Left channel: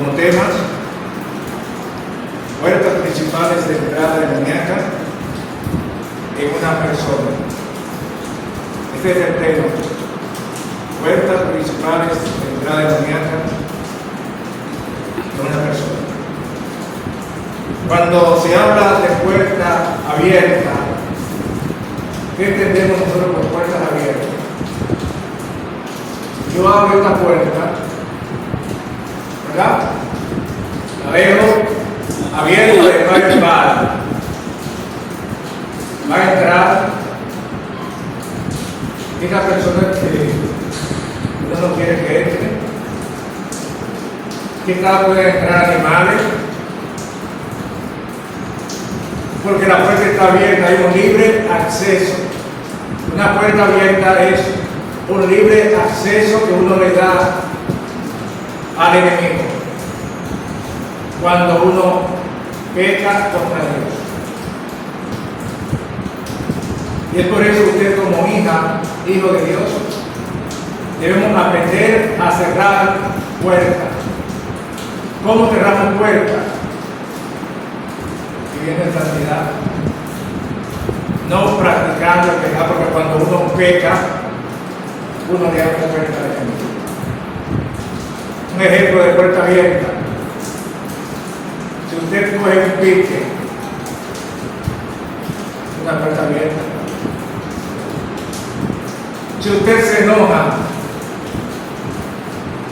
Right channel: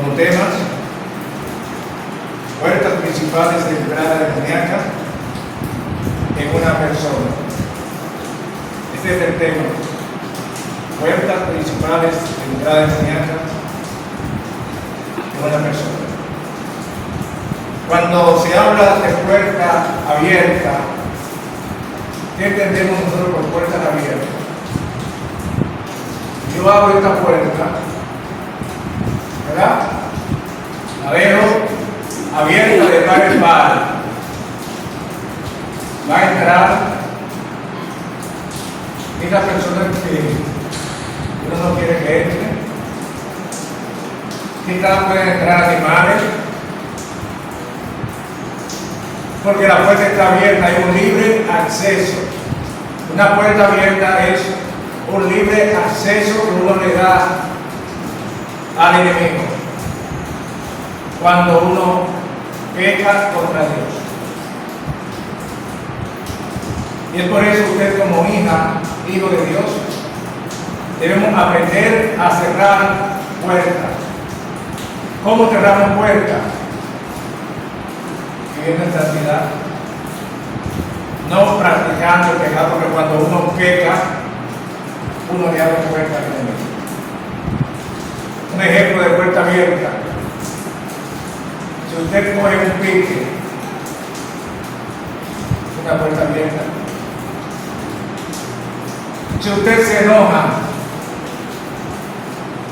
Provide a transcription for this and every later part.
como temas: puertas principales de entrada demoníaca en una persona. Este es el tema: puertas principales de entrada demoníaca en una persona. Cuando se habla de puerta abierta, ¿qué entendemos nosotros por puertas abiertas? Yo abro esta puerta, ¿verdad? La veo abierta de par en par. Va a entrar esta persona que uno no quiere que entre. Quizás pueden entrar animales, porque la puerta está abierta, hay un libre acceso. Una puerta abierta es un libre acceso que uno le da al enemigo cuando uno peca contra Dios. Y es por eso que usted, como hija, hijo de Dios, debemos aprender a cerrar puertas. ¿Cómo cerramos puertas? Viviendo en santidad, no practicando el pecado, porque cuando uno peca, uno le abre puerta al enemigo. Un ejemplo de puerta abierta: si usted coge un pique, una puerta abierta. Si usted se enoja,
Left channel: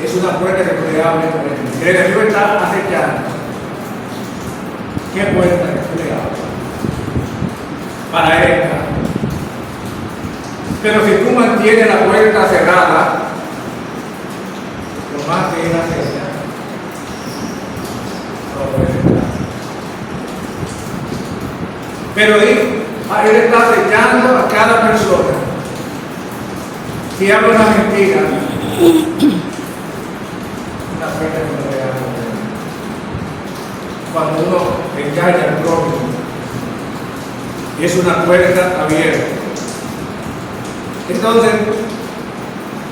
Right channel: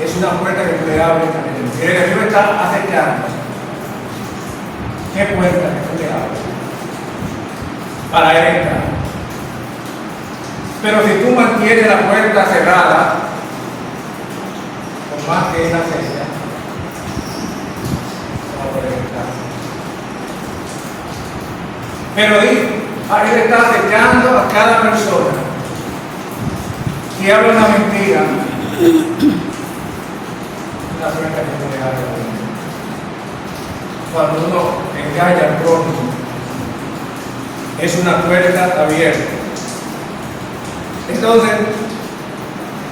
es una puerta que puede abrir al enemigo. El enemigo está acechando. ¿Qué puerta que le abres para él entrar? Pero si tú mantienes la puerta cerrada, por más que él acecha, no puede entrar. Pero él está acechando a cada persona. Si habla una mentira, una puerta que no le abre. Cuando uno engaña al prójimo, es una puerta abierta. Entonces,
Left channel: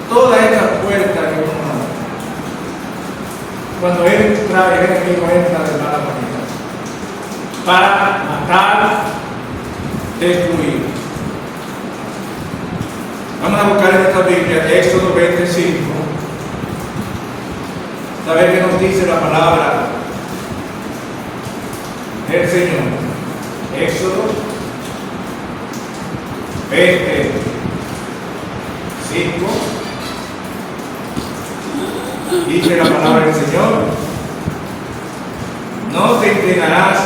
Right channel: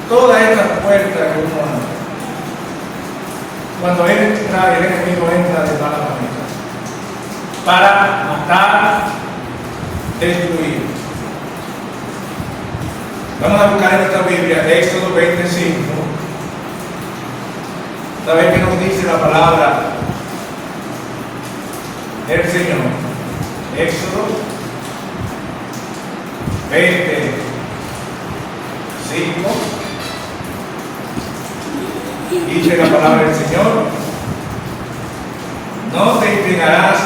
toda esa puerta que uno abre, cuando él entra, el enemigo entra de mala manera para matar, destruir. Vamos a buscar en esta Biblia, Éxodo 25, a ver qué nos dice la palabra el Señor. Éxodo 25. Dice la palabra del Señor: no te inclinarás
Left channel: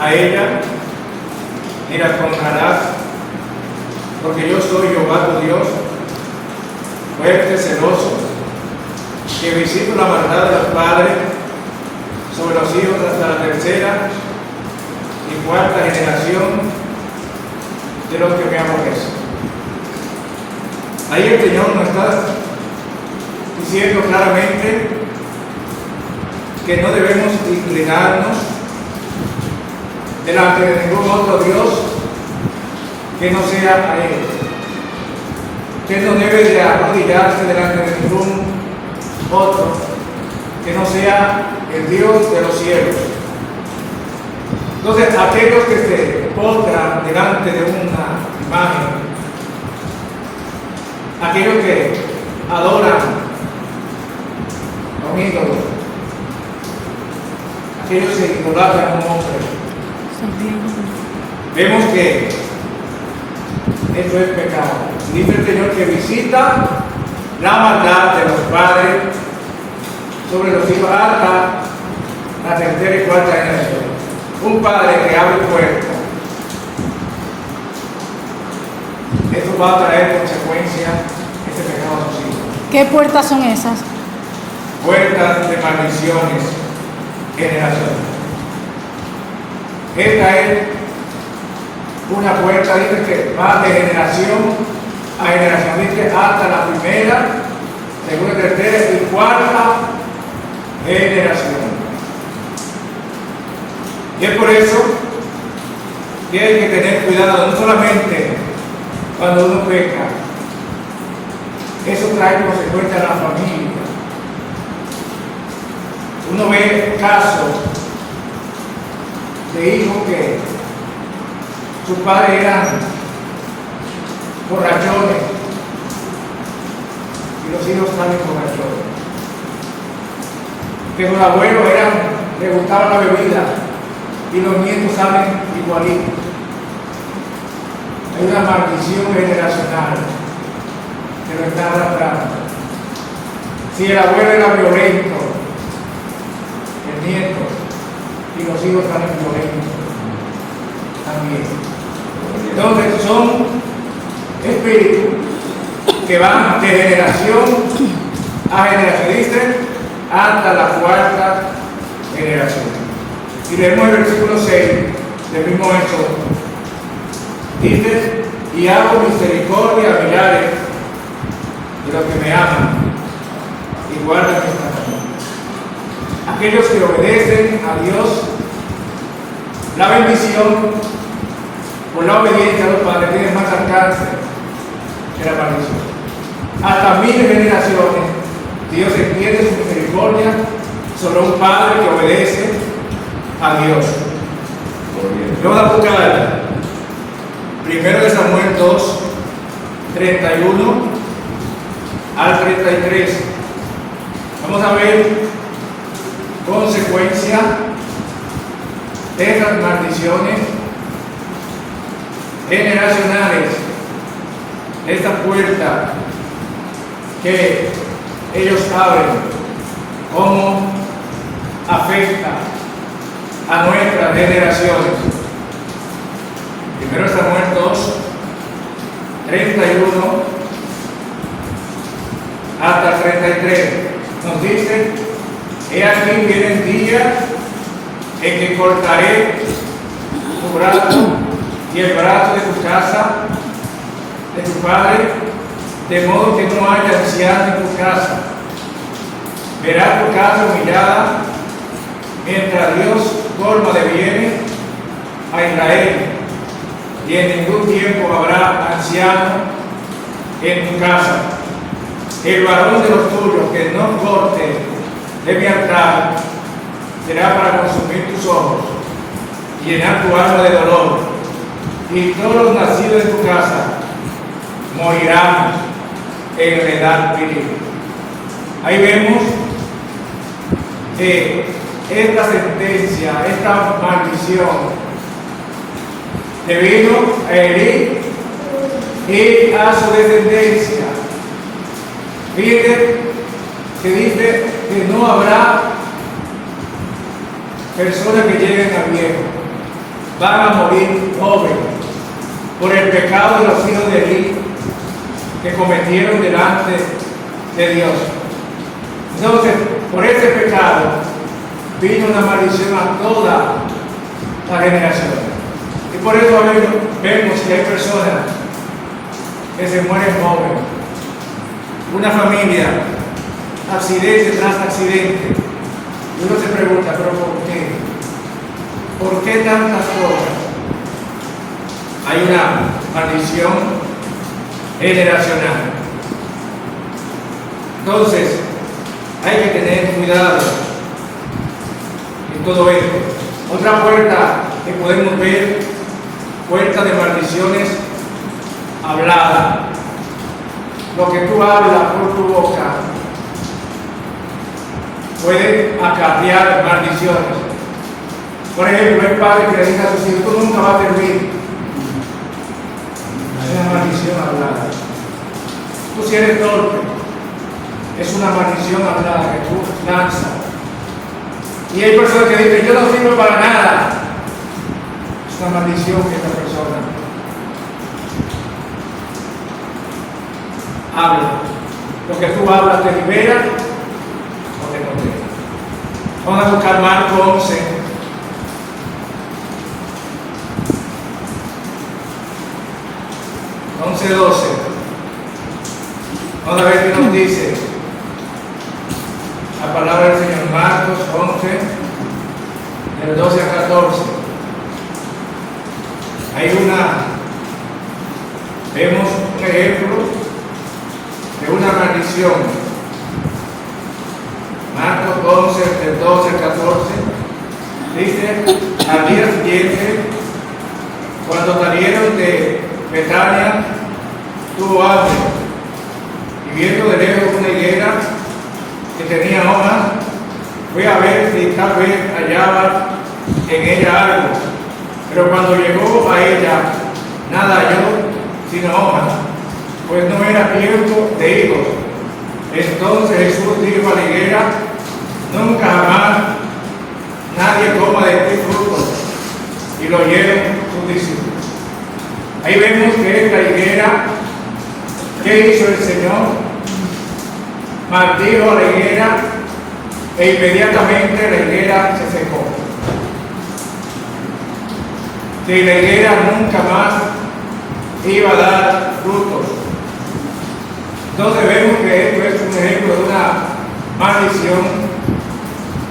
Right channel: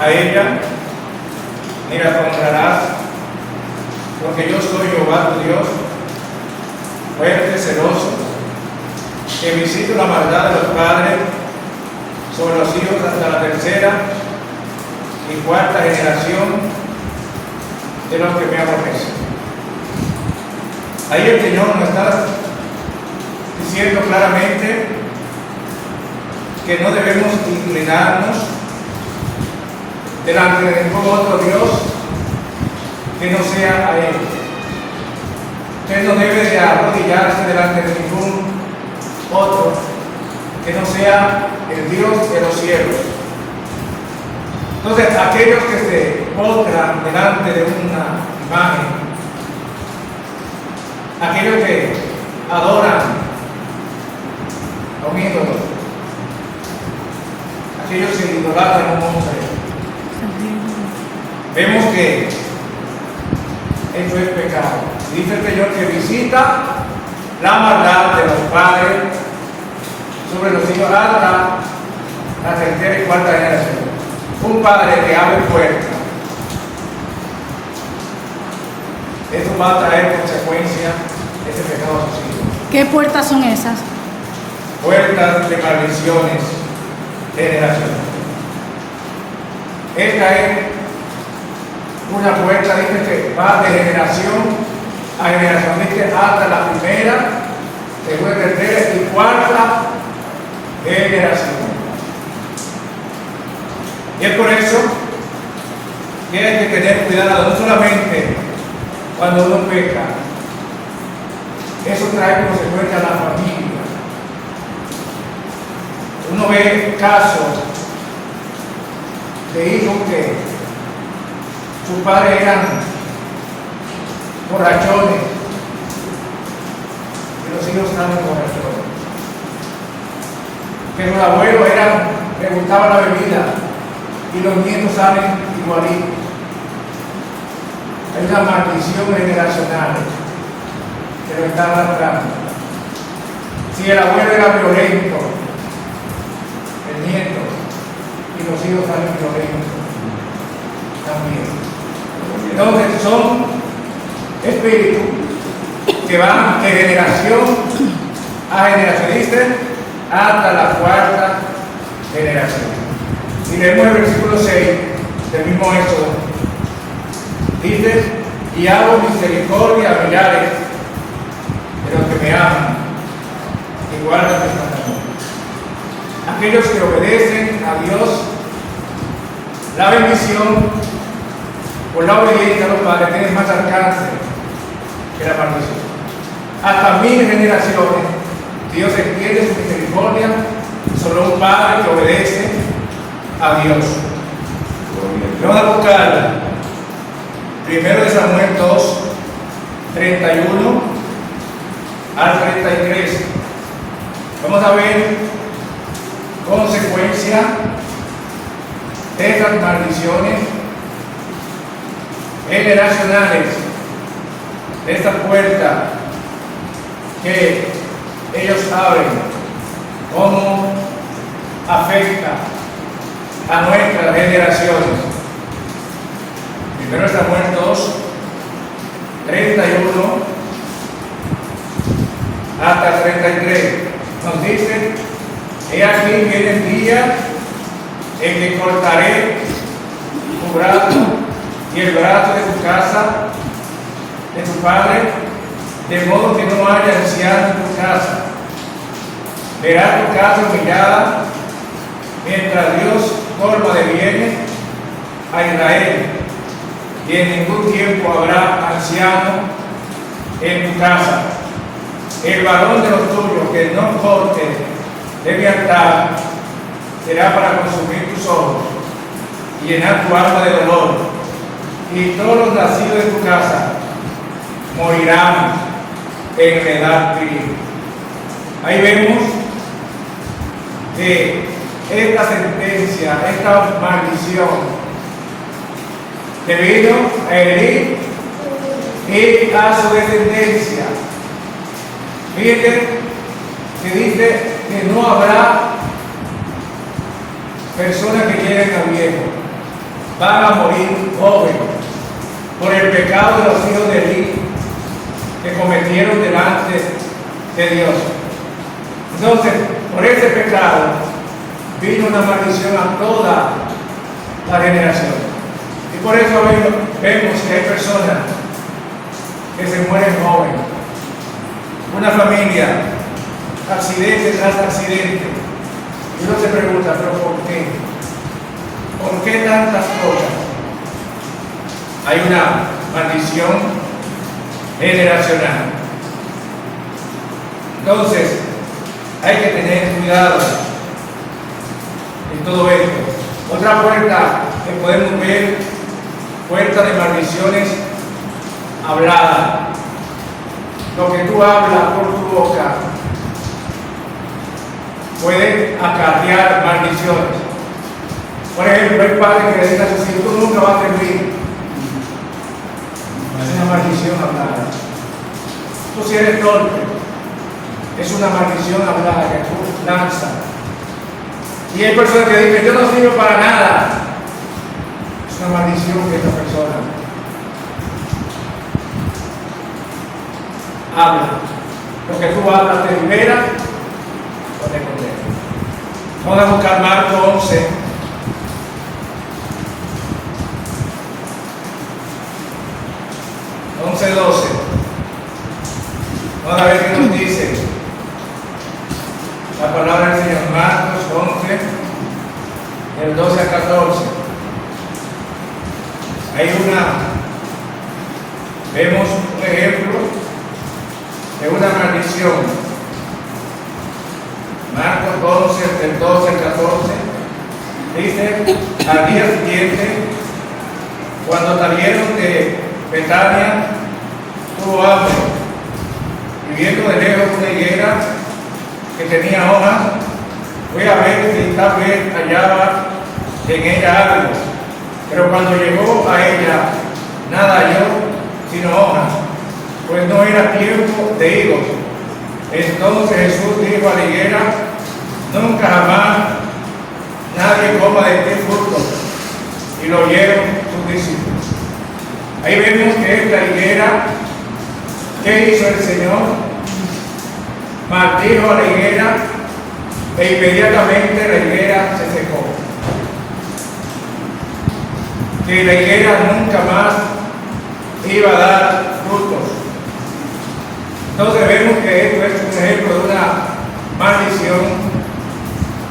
a ella, ni la honrarás, porque yo soy Jehová tu Dios, fuerte, celoso, que visito la maldad de los padres sobre los hijos hasta la tercera y cuarta generación de los que me aborrecen. Ahí el Señor nos está diciendo claramente que no debemos inclinarnos delante de ningún otro Dios que no sea a Él. Que no debe de arrodillarse delante de ningún otro que no sea el Dios de los cielos. Entonces, aquellos que se postran delante de una imagen, aquellos que adoran a un ídolo, aquellos que idolatran a un hombre, vemos que eso es pecado. Dice el Señor que visita la maldad de los padres sobre los hijos hasta la tercera y cuarta generación. Un padre que abre puertas, esto va a traer consecuencias, ese pecado social. ¿Qué puertas son esas? Puertas de maldiciones generacionales. Esta es una puerta, dice que va de generación a generación, dice hasta la primera, segunda, tercera y cuarta generación. Y es por eso que hay que tener cuidado, no solamente cuando uno peca, eso trae consecuencias a la familia. Uno ve casos de hijos que sus padres eran borrachones y los hijos salen borrachones. Que sus abuelos le gustaban la bebida y los nietos salen igualitos. Hay una maldición generacional que lo está arrastrando. Si el abuelo era violento, el nieto y los hijos salen violentos también. Entonces son espíritus que van de generación a generación, dicen, hasta la cuarta generación. Y leemos el versículo 6 del mismo Éxodo. Dice: y hago misericordia a millares de los que me aman y guardan mis mandamientos. Aquellos que obedecen a Dios, la bendición por la obediencia a los padres tiene más alcance que la maldición. Hasta 1000 generaciones Dios extiende su misericordia sobre un padre que obedece a Dios. Vamos a buscar 1 Samuel 2, 31 al 33. Vamos a ver consecuencia de estas maldiciones generacionales, esta puerta que ellos abren, cómo afecta a nuestras generaciones. 1 Samuel 2, 31 hasta 33 nos dice: he aquí vienen días en que cortaré tu brazo y el brazo de tu casa, de tu padre, de modo que no haya anciano en tu casa. Verá tu casa humillada, mientras Dios forma de bienes a Israel, y en ningún tiempo habrá anciano en tu casa. El varón de los tuyos que no corte de mi altar será para consumir tus ojos y llenar tu alma de dolor, y todos los nacidos en tu casa morirán en enfermedad viril. Ahí vemos que esta sentencia, esta maldición, debido a Elí y a su descendencia. Fíjate que dice que no habrá personas que lleguen a viejo, van a morir jóvenes por el pecado de los hijos de Elí que cometieron delante de Dios. Entonces, por ese pecado vino una maldición a toda la generación. Y por eso vemos que hay personas que se mueren jóvenes. Una familia, accidente tras accidente. Y uno se pregunta, ¿pero por qué? ¿Por qué tantas cosas? Hay una maldición generacional. Entonces, hay que tener cuidado en todo esto. Otra puerta que podemos ver, puerta de maldiciones hablada. Lo que tú hablas por tu boca puede acarrear maldiciones. Por ejemplo, hay padres que le dicen a sus hijos: tú nunca vas a servir. Es una maldición hablada. Tú si eres torpe, es una maldición hablada que tú lanzas. Y hay personas que dicen: yo no sirvo para nada. Es una maldición que esta persona habla. Lo que tú hablas te libera o te condena. Vamos a buscar Marcos 11. Vamos a ver qué nos dice la palabra del Señor. Marcos 11, del 12 al 14. Vemos un ejemplo de una maldición. Marcos Marcos 11, del 12 al 14, dice, al día siguiente, cuando salieron de Betania, tuvo hambre, y viendo de lejos una higuera que tenía hojas, fue a ver si tal vez hallaba en ella algo, pero cuando llegó a ella, nada halló sino hojas, pues no era tiempo de higos. Entonces Jesús dijo a la higuera, nunca jamás nadie coma de este fruto, y lo oyeron sus discípulos. Ahí vemos que esta higuera, ¿qué hizo el Señor? Maldijo a la higuera e inmediatamente la higuera se secó. Que la higuera nunca más iba a dar frutos. Entonces vemos que esto es un ejemplo de una maldición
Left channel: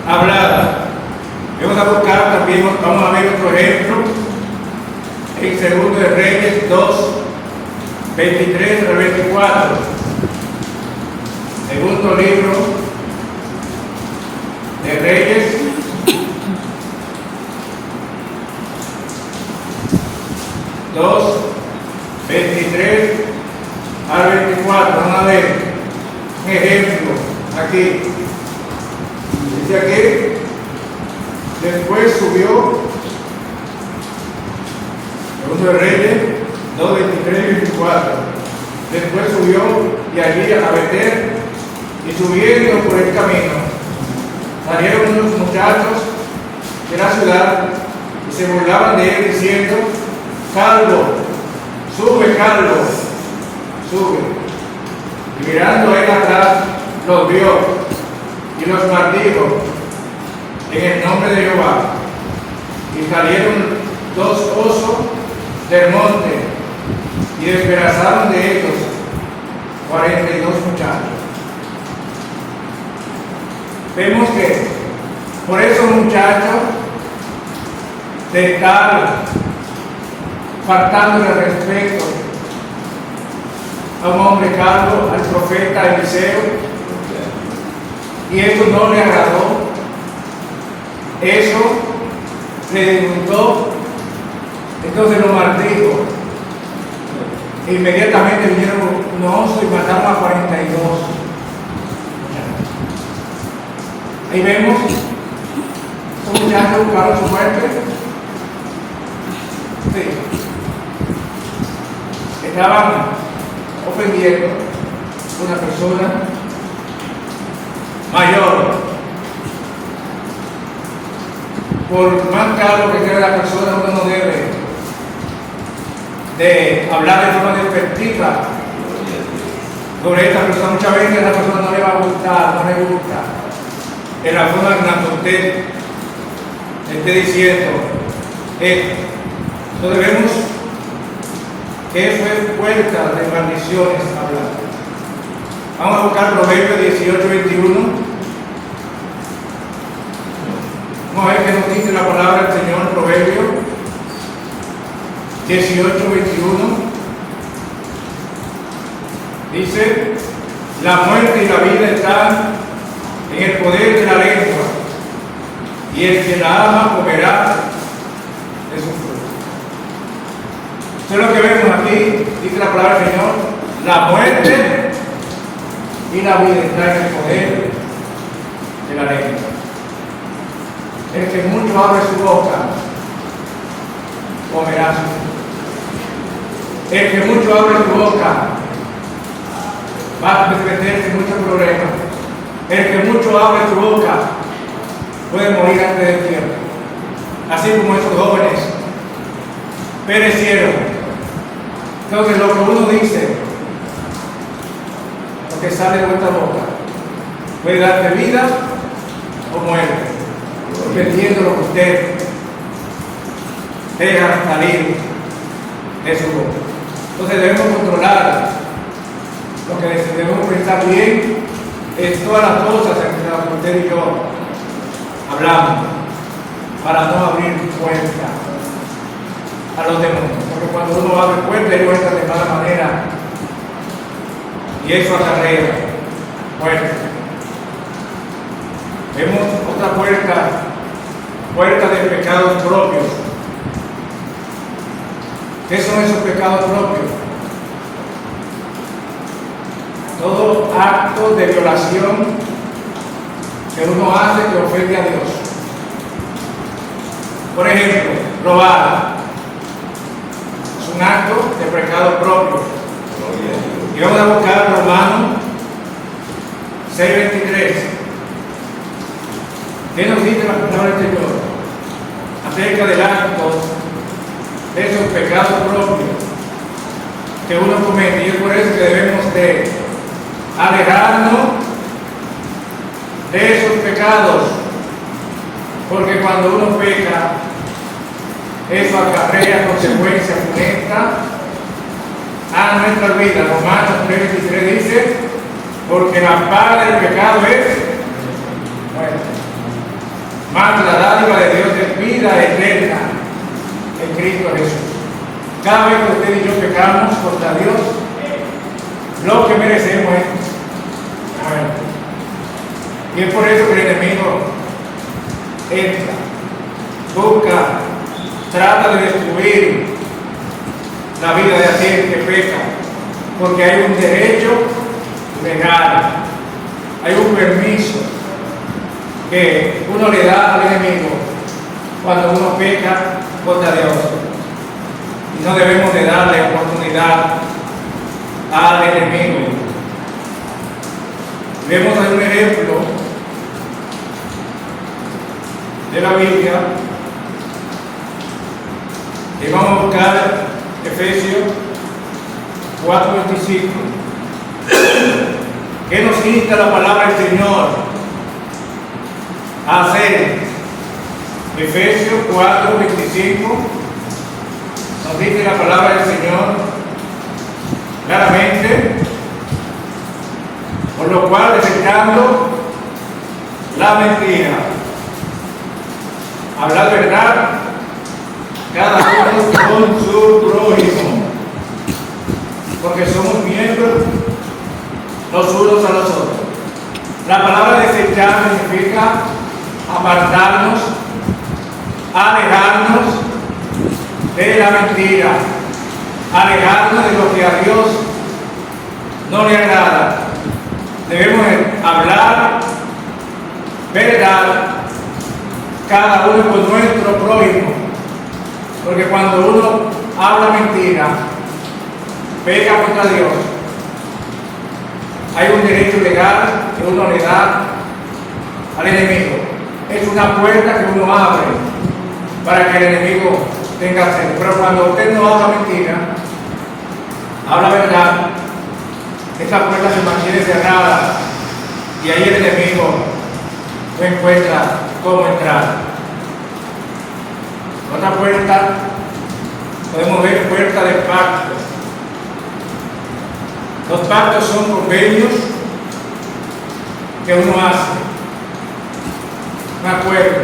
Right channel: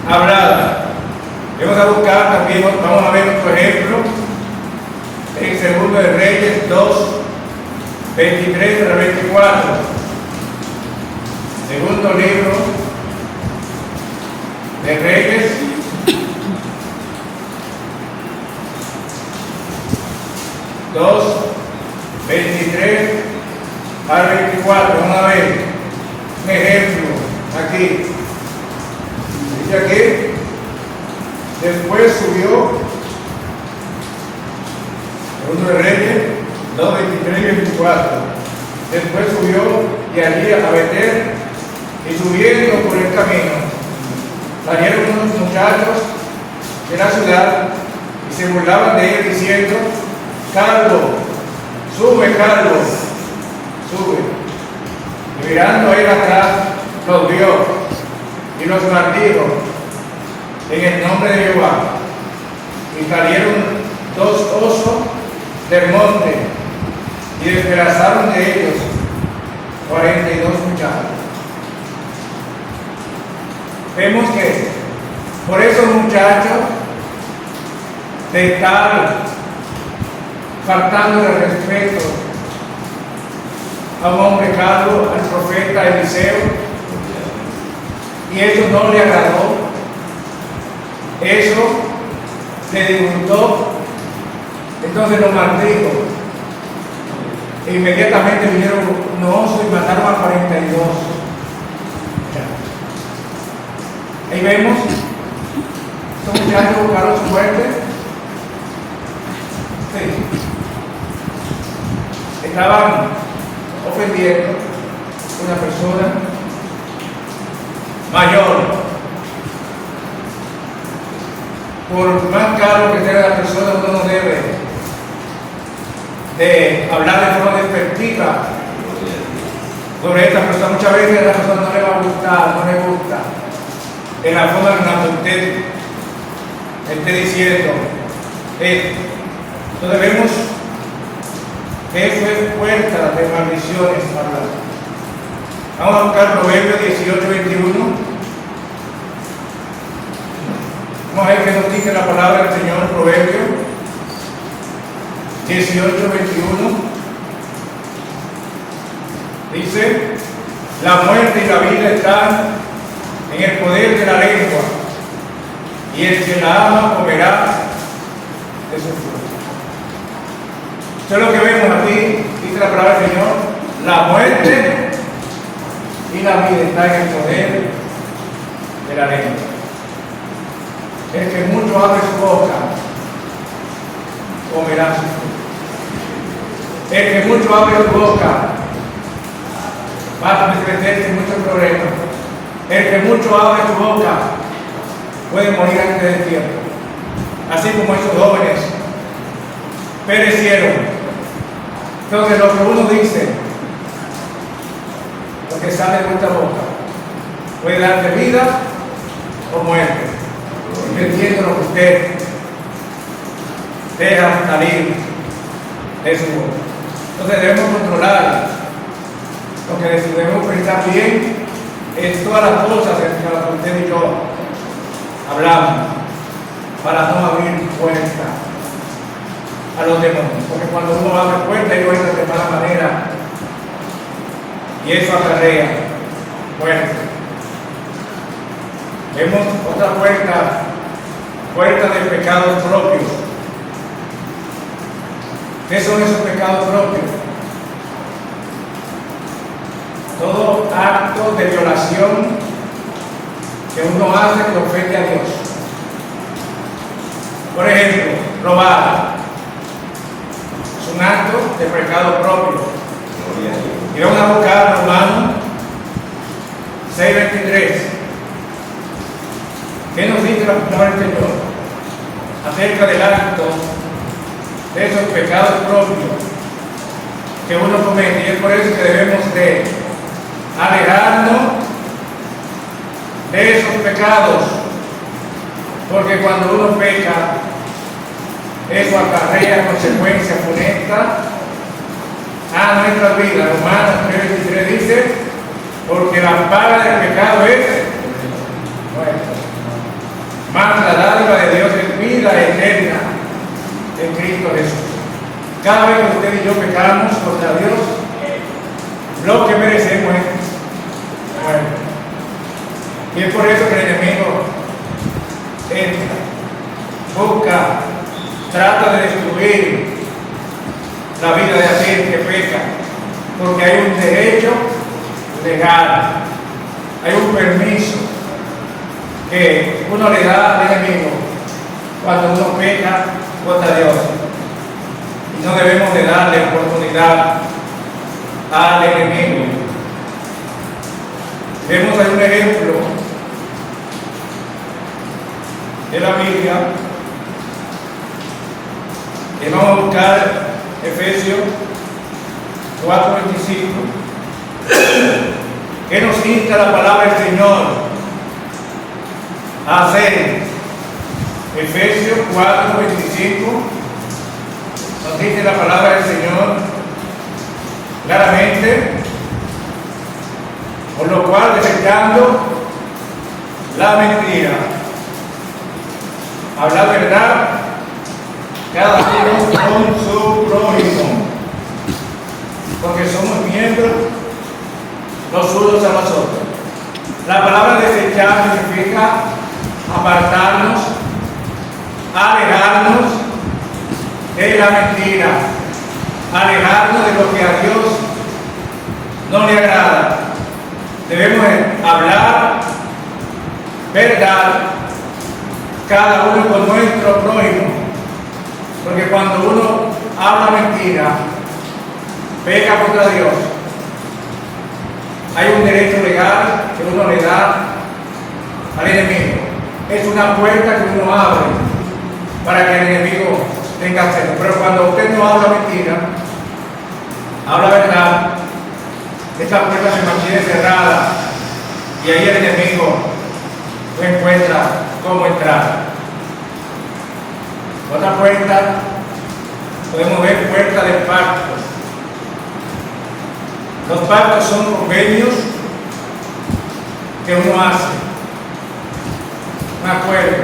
hablada. Vamos a buscar también, vamos a ver otro ejemplo en Segundo de Reyes 2, 23 al 24. Segundo libro de Reyes 2, 23 al 24. Vamos a ver un ejemplo aquí. Dice aquí, después subió, Segundo de Reyes 2, 23 y 24. Después subió de allí a Betel, y subiendo por el camino, salieron unos muchachos de la ciudad y se burlaban de él diciendo, calvo, sube calvo, sube. Y mirando a él atrás, los vio y los maldijo en el nombre de Jehová. Y salieron dos osos del monte y despedazaron de ellos 42 muchachos. Vemos que por esos muchachos de estar faltando de respeto a un hombre calvo, al profeta Eliseo, y eso no le agradó, eso le disgustó, entonces lo maldijo. Inmediatamente vinieron unos osos y mataron a 42. Ahí vemos, estos muchachos buscaron su muerte. Sí. Estaban ofendiendo a una persona mayor. Por más caro que sea la persona, uno no debe de hablar de forma despectiva sobre esta persona. Muchas veces a la persona no le va a gustar, no le gusta en la forma en la que usted esté diciendo esto. Entonces vemos que eso es puerta de maldiciones hablar. Vamos a buscar Proverbios 18, 21. Vamos a ver qué nos dice la palabra del Señor. Proverbios 18, 21. Dice, la muerte y la vida están en el poder de la lengua, y el que la ama comerá de su fruto. Esto es lo que vemos aquí, dice la palabra del Señor, la muerte y la vida están en el poder de la lengua. El que mucho abre su boca, comerá su fruto. El que mucho abre su boca, va a meterse en muchos problemas. El que mucho abre su boca puede morir antes del tiempo, así como esos jóvenes perecieron. Entonces lo que uno dice, lo que sale de nuestra boca, puede darte vida o muerte. Porque entiendo lo que usted deja salir de su boca. Entonces debemos controlar lo que debemos pensar bien en todas las cosas en las que usted y yo hablamos, para no abrir puerta a los demonios. Porque cuando uno abre puerta, ellos entran de mala manera y eso acarrea muerte. Vemos otra puerta de pecados propios. ¿Qué son esos pecados propios? Todo acto de violación que uno hace que ofende a Dios. Por ejemplo, robar es un acto de pecado propio. Y vamos a buscar Romanos 6:23. ¿Qué nos dice la palabra del Señor acerca del acto de esos pecados propios que uno comete? Y es por eso que debemos de alejarnos de esos pecados, porque cuando uno peca, eso acarrea consecuencias funestas a nuestra vida. Romanos 3:23 dice: porque la paga del pecado es muerte, mas la dádiva de Dios es vida eterna en Cristo Jesús. Cada vez que usted y yo pecamos contra Dios, lo que merecemos es muerte. Y es por eso que el enemigo entra, busca, trata de destruir la vida de aquel que peca, porque hay un derecho legal, hay un permiso que uno le da al enemigo cuando uno peca contra Dios, y no debemos de darle oportunidad al enemigo. Vemos ahí un ejemplo de la Biblia, y vamos a buscar Efesios 4:25. ¿Qué nos insta la palabra del Señor a hacer? Efesios 4:25 nos dice la palabra del Señor claramente: por lo cual, desechando la mentira, hablar verdad, cada uno con su prójimo, porque somos miembros los unos a los otros. La palabra desechar significa apartarnos, alejarnos de la mentira, alejarnos de lo que a Dios no le agrada. Debemos hablar verdad, cada uno con nuestro prójimo, porque cuando uno habla mentira, peca contra Dios. Hay un derecho legal que uno le da al enemigo. Es una puerta que uno abre para que el enemigo tenga acceso. Pero cuando usted no habla mentira, habla verdad, esta puerta se mantiene cerrada y ahí el enemigo no encuentra cómo entrar. Otra puerta, podemos ver puerta de pacto. Los pactos son convenios que uno hace, un acuerdo,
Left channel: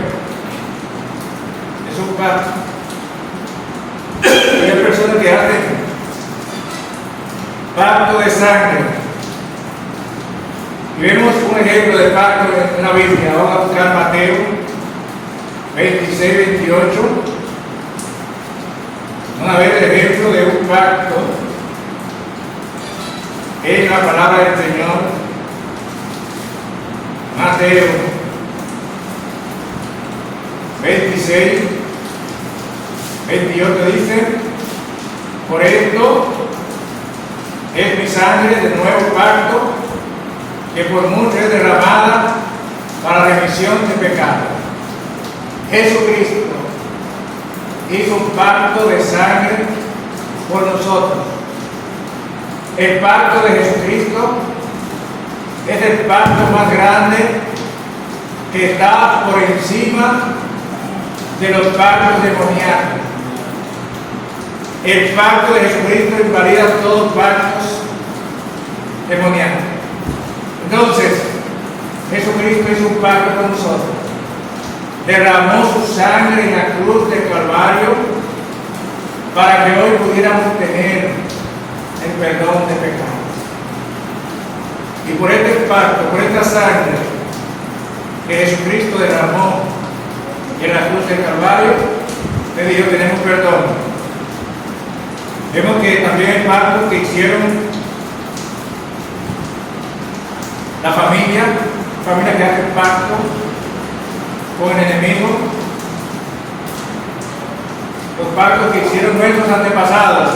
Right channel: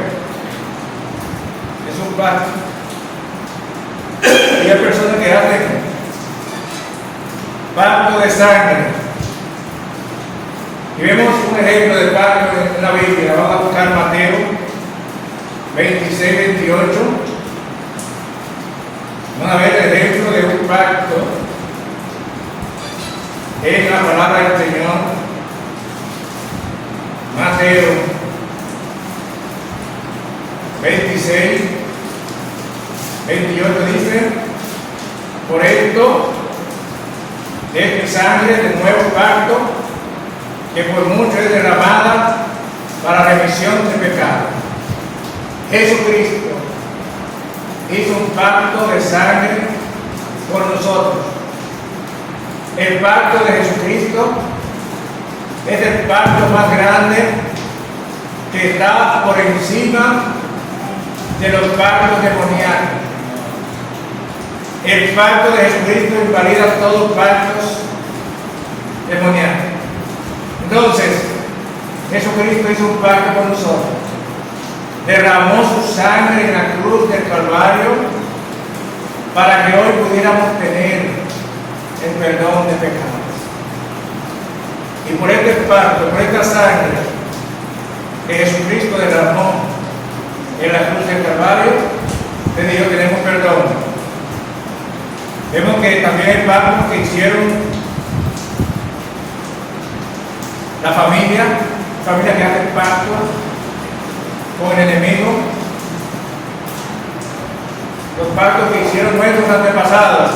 es un pacto. Y hay personas que hacen pacto de sangre. Y vemos un ejemplo de pacto en la Biblia. Vamos a buscar Mateo 26-28. Vamos a ver el ejemplo de un pacto en la palabra del Señor. Mateo 26-28 dice: por esto es mi sangre del nuevo pacto, que por mucho es derramada para remisión de pecados. Jesucristo hizo un pacto de sangre por nosotros. El pacto de Jesucristo es el pacto más grande que está por encima de los pactos demoníacos. El pacto de Jesucristo invalida todos los pactos demoníacos. Entonces, Jesucristo hizo un pacto con nosotros. Derramó su sangre en la cruz del Calvario para que hoy pudiéramos tener el perdón de pecados. Y por este pacto, por esta sangre, que Jesucristo derramó en la cruz del Calvario, te digo, tenemos perdón. Vemos que también el pacto que hicieron la familia que hace pacto con el enemigo, los pactos que hicieron nuestros antepasados.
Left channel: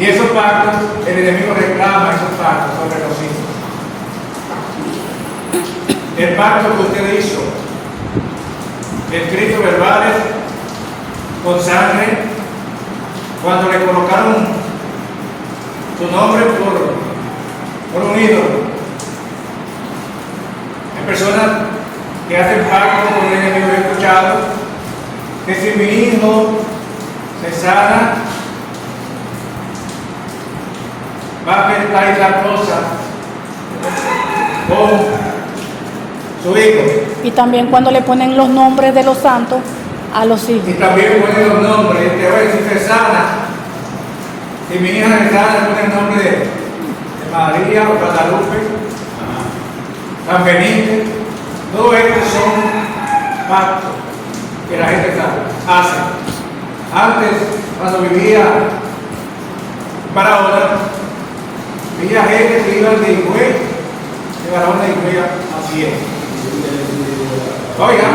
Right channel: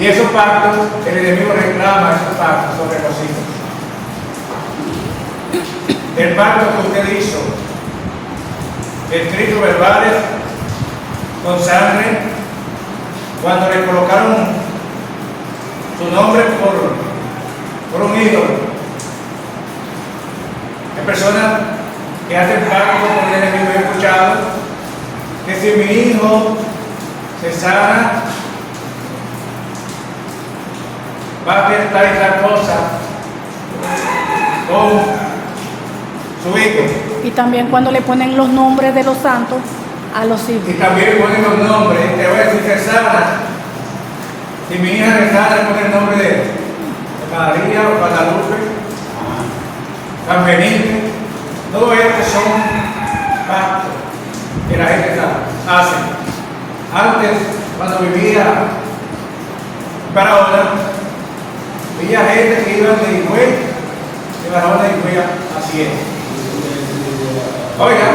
Y esos pactos, el enemigo reclama esos pactos sobre los hijos. El pacto que usted hizo, escritos verbales, con sangre, cuando le colocaron su nombre por un ídolo. Hay personas que hacen pacto con el enemigo. He escuchado que si mi hijo se sana, va a pensar esa cosa con su hijo. Y también cuando le ponen los nombres de los santos a los hijos. Y también ponen los nombres. Que a ver si se sana, si mi hija se sana, pone el nombre de María o Guadalupe, San Benítez. Todo esto son pactos que la gente hace. Antes, cuando vivía para ahora, había gente que iba de Higüey, de varón de Higüey, así es. Oiga,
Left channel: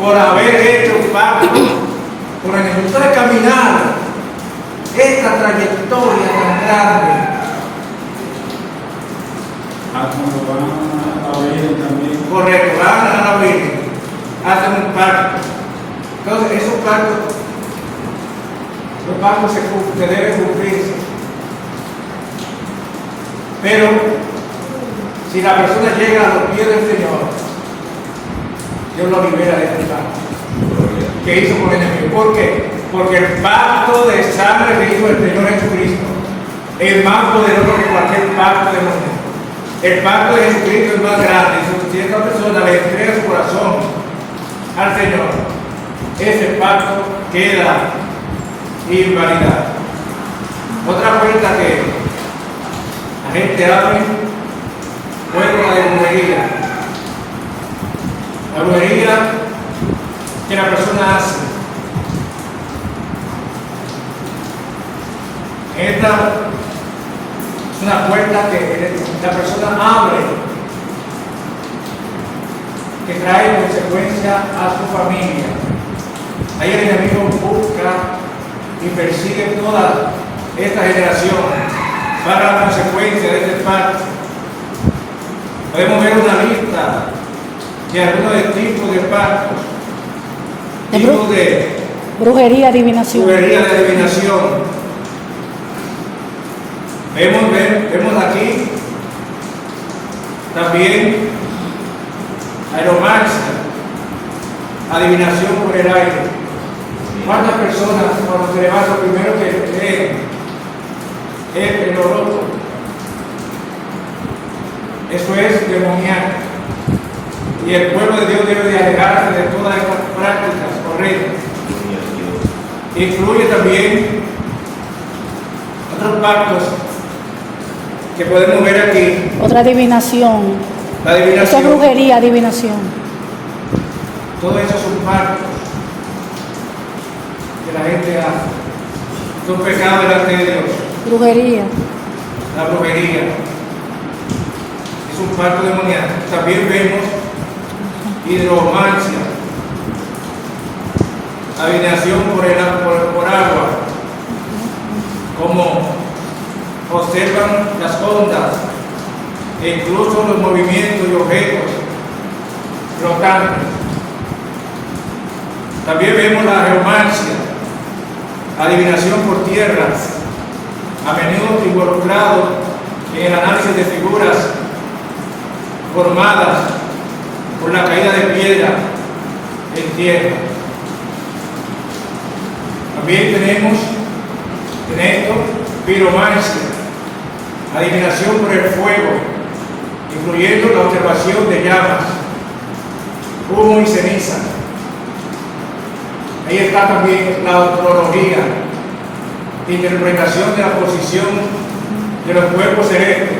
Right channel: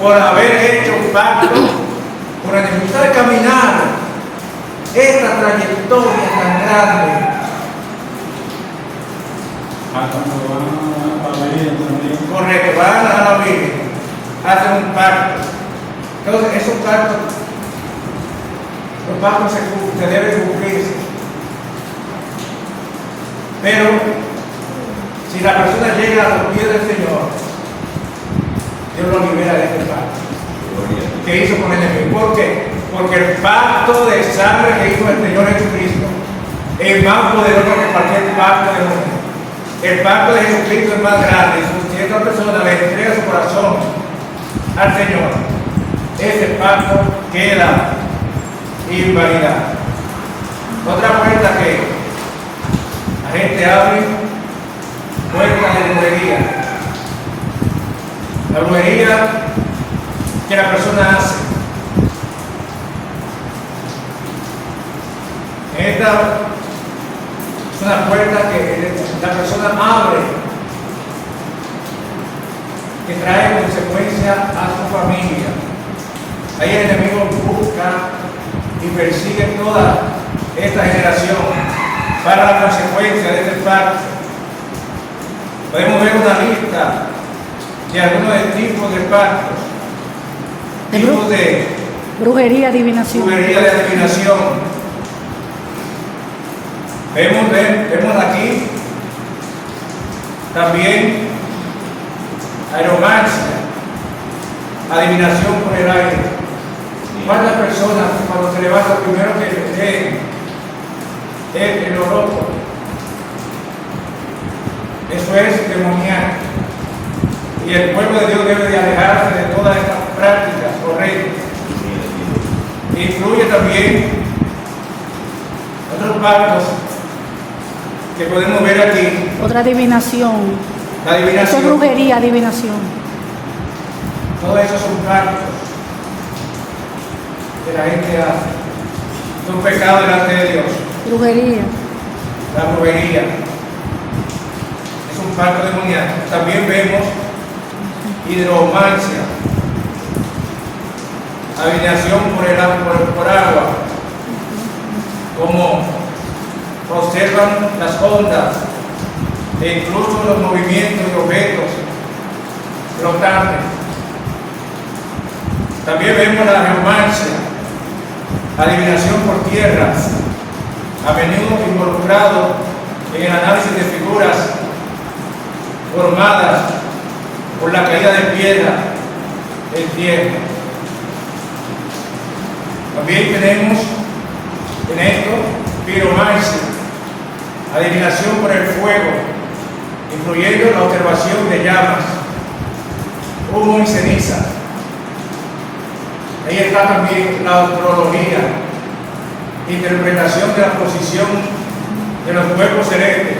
por haber hecho pacto con el enemigo, de caminar esta trayectoria tan grande, correcto, van a la Virgen, hacen un pacto. Entonces, esos pactos, los pactos se deben cumplirse. Pero, si la persona llega a los pies del Señor, Dios lo libera de este pacto que hizo con el enemigo. ¿Por qué? Porque el pacto de sangre que hizo el Señor Jesucristo es más poderoso que cualquier pacto de muerte. El pacto de Jesucristo es más grande. Si esta persona le entrega su corazón al Señor, ese pacto queda invalidado. Otra puerta que la gente abre, puerta de brujería. La brujería que la persona hace. Esta es una puerta que la persona abre, que trae consecuencia a su familia. Ahí el enemigo busca y persigue toda esta generación para la consecuencia de este pacto. Podemos ver una lista de algunos tipos de pactos, tipos de brujería, adivinación. Vemos aquí también aeromancia, adivinación por el aire. ¿Cuántas personas cuando se levanta primero que leen el horóscopo? Eso es demoníaco. Y el pueblo de Dios debe de alejarse de todas estas prácticas correctas. Incluye también otros pactos que podemos ver aquí. Otra adivinación. La adivinación. Esa es brujería, adivinación. Todo eso son pactos que la gente hace. Son pecados delante de Dios. Brujería. La brujería es un pacto demoníaco. También vemos hidromancia, adivinación por agua, como observan las ondas e incluso los movimientos de objetos flotantes. También vemos la geomancia, adivinación por tierras, a menudo involucrado en el análisis de figuras formadas por la caída de piedra en tierra. También tenemos en esto piromancia, adivinación por el fuego, incluyendo la observación de llamas, humo y ceniza. Ahí está también la astrología, interpretación de la posición de los cuerpos celestes.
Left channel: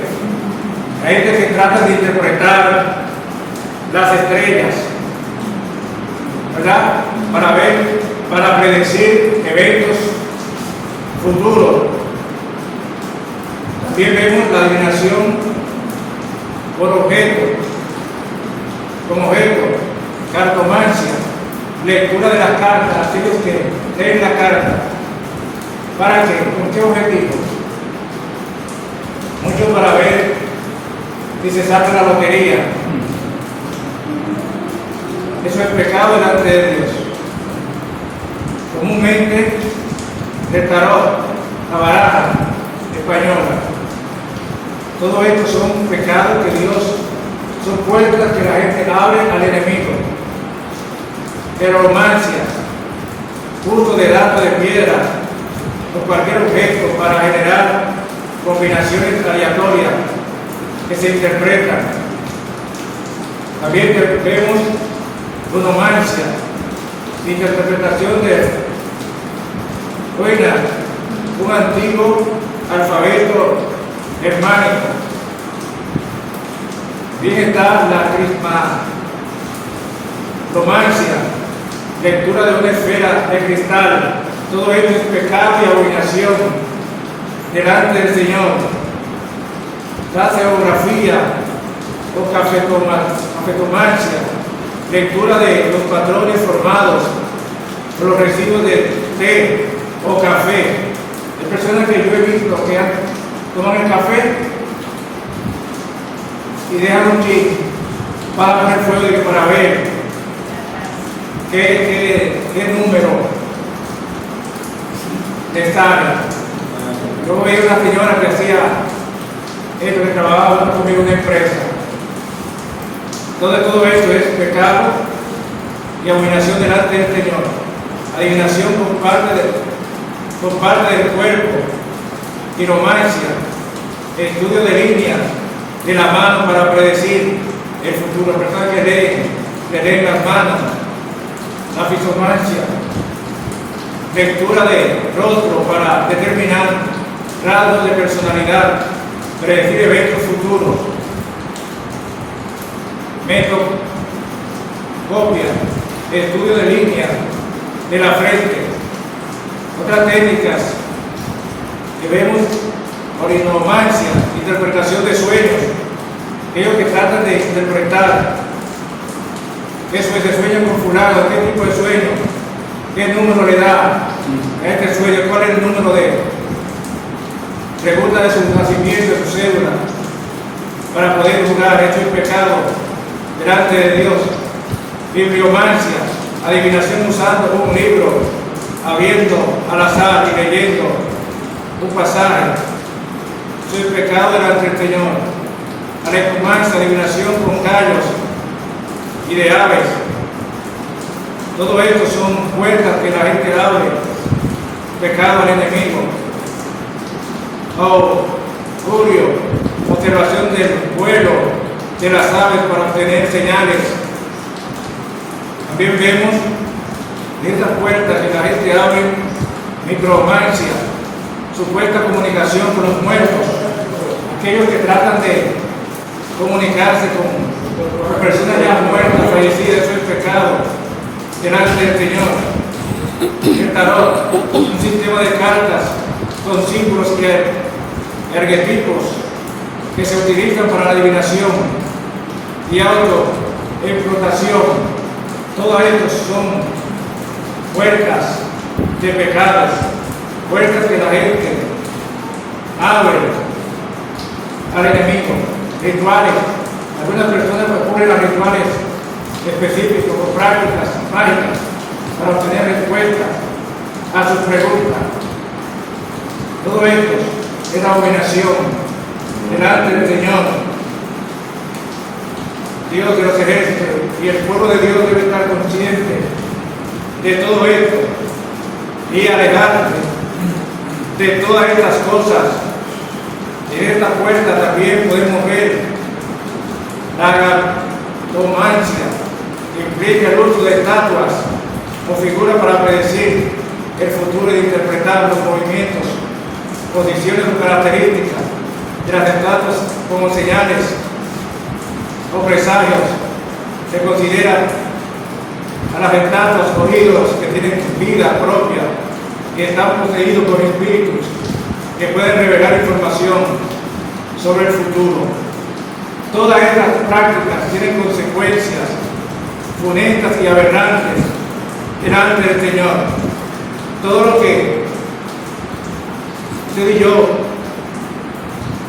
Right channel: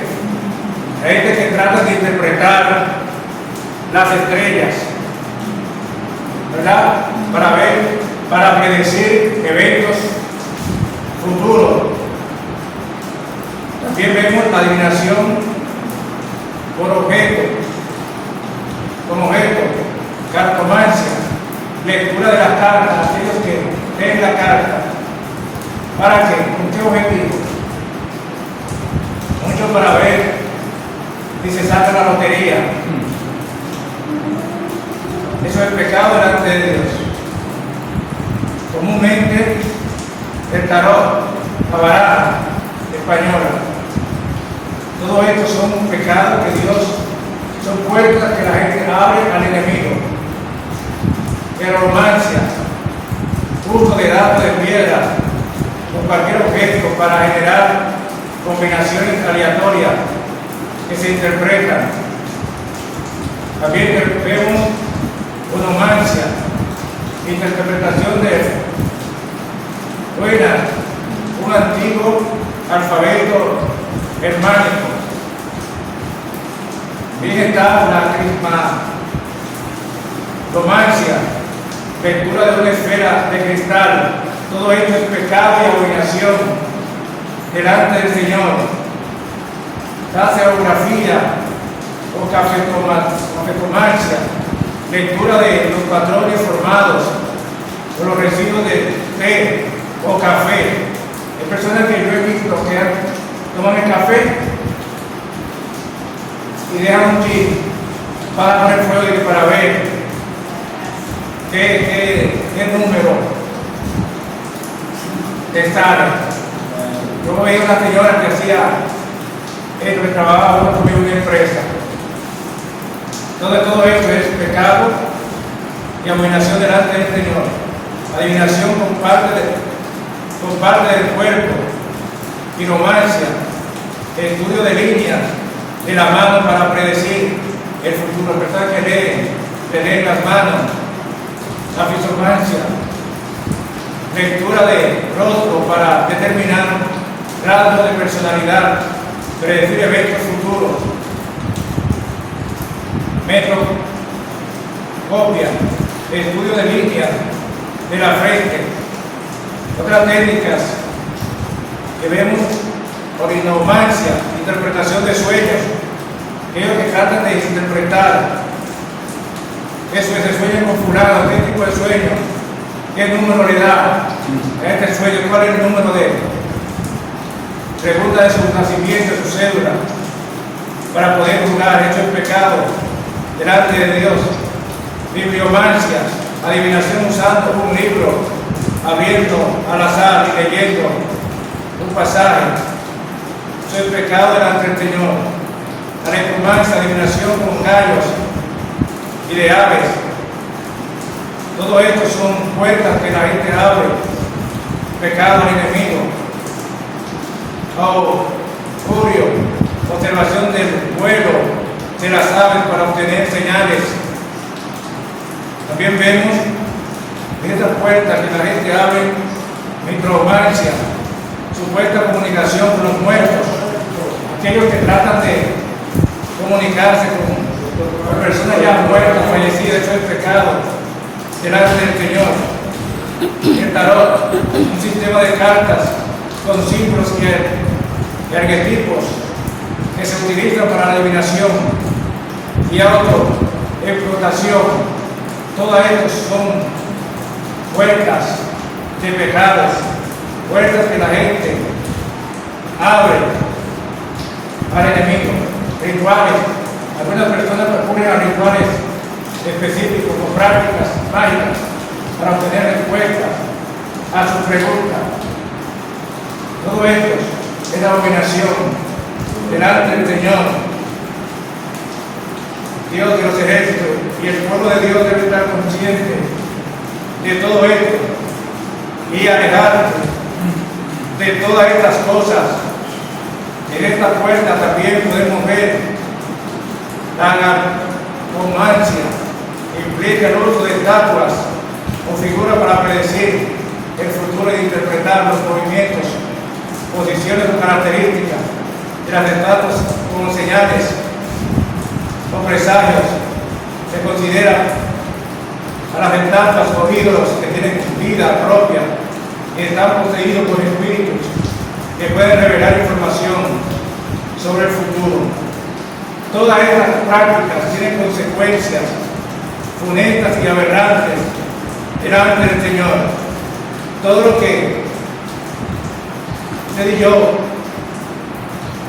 Hay gente que trata de interpretar las estrellas, ¿verdad? Para predecir eventos futuros. También vemos la adivinación como objeto, cartomancia, lectura de las cartas, aquellos que leen la carta. ¿Para qué? ¿Con qué objetivo? Muchos para ver si se saca la lotería. Eso es pecado delante de Dios. Comúnmente el tarot, la baraja española, todo esto son pecados que Dios, son puertas que la gente abre al enemigo. Eromancia, uso de datos de piedra o cualquier objeto para generar combinaciones aleatorias que se interpretan. También vemos onomancia, interpretación de un antiguo alfabeto germánico. Bien está la crismatomancia, lectura de una esfera de cristal. Todo esto es pecado y abominación delante del Señor. La geografía o cafetomancia, lectura de los patrones formados por los residuos de té o café. Hay personas que yo he visto que toman el café y dejan un kit para poner fuego y para ver qué número está. Yo veía una señora que hacía esto, que trabajaba conmigo en una empresa. Todo esto es pecado y abominación delante del Señor. Adivinación por parte del cuerpo, quiromancia, estudio de líneas de la mano para predecir el futuro. Personas que leen las manos, la fisomancia, lectura de rostro para determinar rasgos de personalidad, predecir eventos futuros. Metocopia, estudio de líneas de la frente. Otras técnicas que vemos, orinomancia, interpretación de sueños, aquellos que tratan de interpretar eso es el sueño con fulano, qué tipo de sueño, qué número le da a este sueño, cuál es el número de él. Pregunta de su nacimiento, de su cédula, para poder jugar. Esto es pecado delante de Dios. Bibliomancia, adivinación usando un libro abierto al azar y leyendo un pasaje. Esto es pecado delante del Señor. Alecomancia, adivinación con gallos y de aves. Todo esto son puertas que la gente abre. Pecado al enemigo. Augurio, observación del vuelo de las aves para obtener señales. También vemos estas puertas que la gente abre, micromancia, supuesta comunicación con los muertos, aquellos que tratan de comunicarse con personas ya muertas, fallecidas. Eso es pecado delante del Señor. El tarot, un sistema de cartas con símbolos y arquetipos que se utilizan para la adivinación y autoexplotación. Todas estas son puertas de pecados, puertas que la gente abre al enemigo. Rituales, algunas personas recurren a rituales específicos o prácticas mágicas para obtener respuestas a sus preguntas. Todo esto es la abominación delante del Señor, Dios de los ejércitos, y el pueblo de Dios debe estar consciente de todo esto y alejarse de todas estas cosas. En esta puerta también podemos ver la gatomancia, que implica el uso de estatuas o figuras para predecir el futuro e interpretar los movimientos, posiciones o características de las estatuas como señales o presagios se considera a las estatuas o ídolos que tienen vida propia, que están poseídos por espíritus, que pueden revelar información sobre el futuro. Todas estas prácticas tienen consecuencias funestas y aberrantes delante del Señor. Todo lo que usted y yo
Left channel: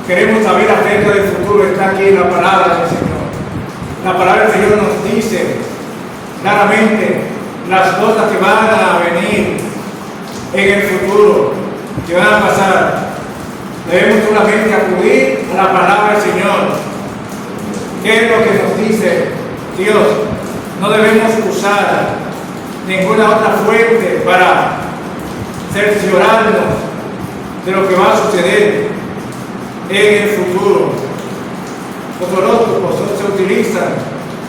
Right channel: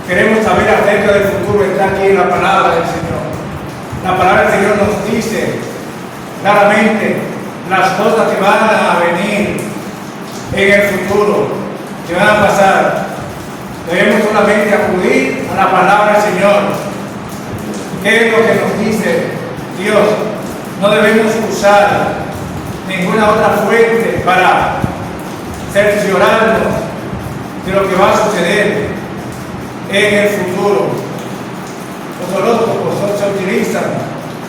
queremos saber acerca del futuro está aquí en la palabra del Señor. La palabra del Señor nos dice claramente las cosas que van a venir en el futuro, que van a pasar. Debemos solamente acudir a la palabra del Señor. ¿Qué es lo que nos dice Dios? No debemos usar ninguna otra fuente para cerciorarnos de lo que va a suceder en el futuro. Los horóscopos se utilizan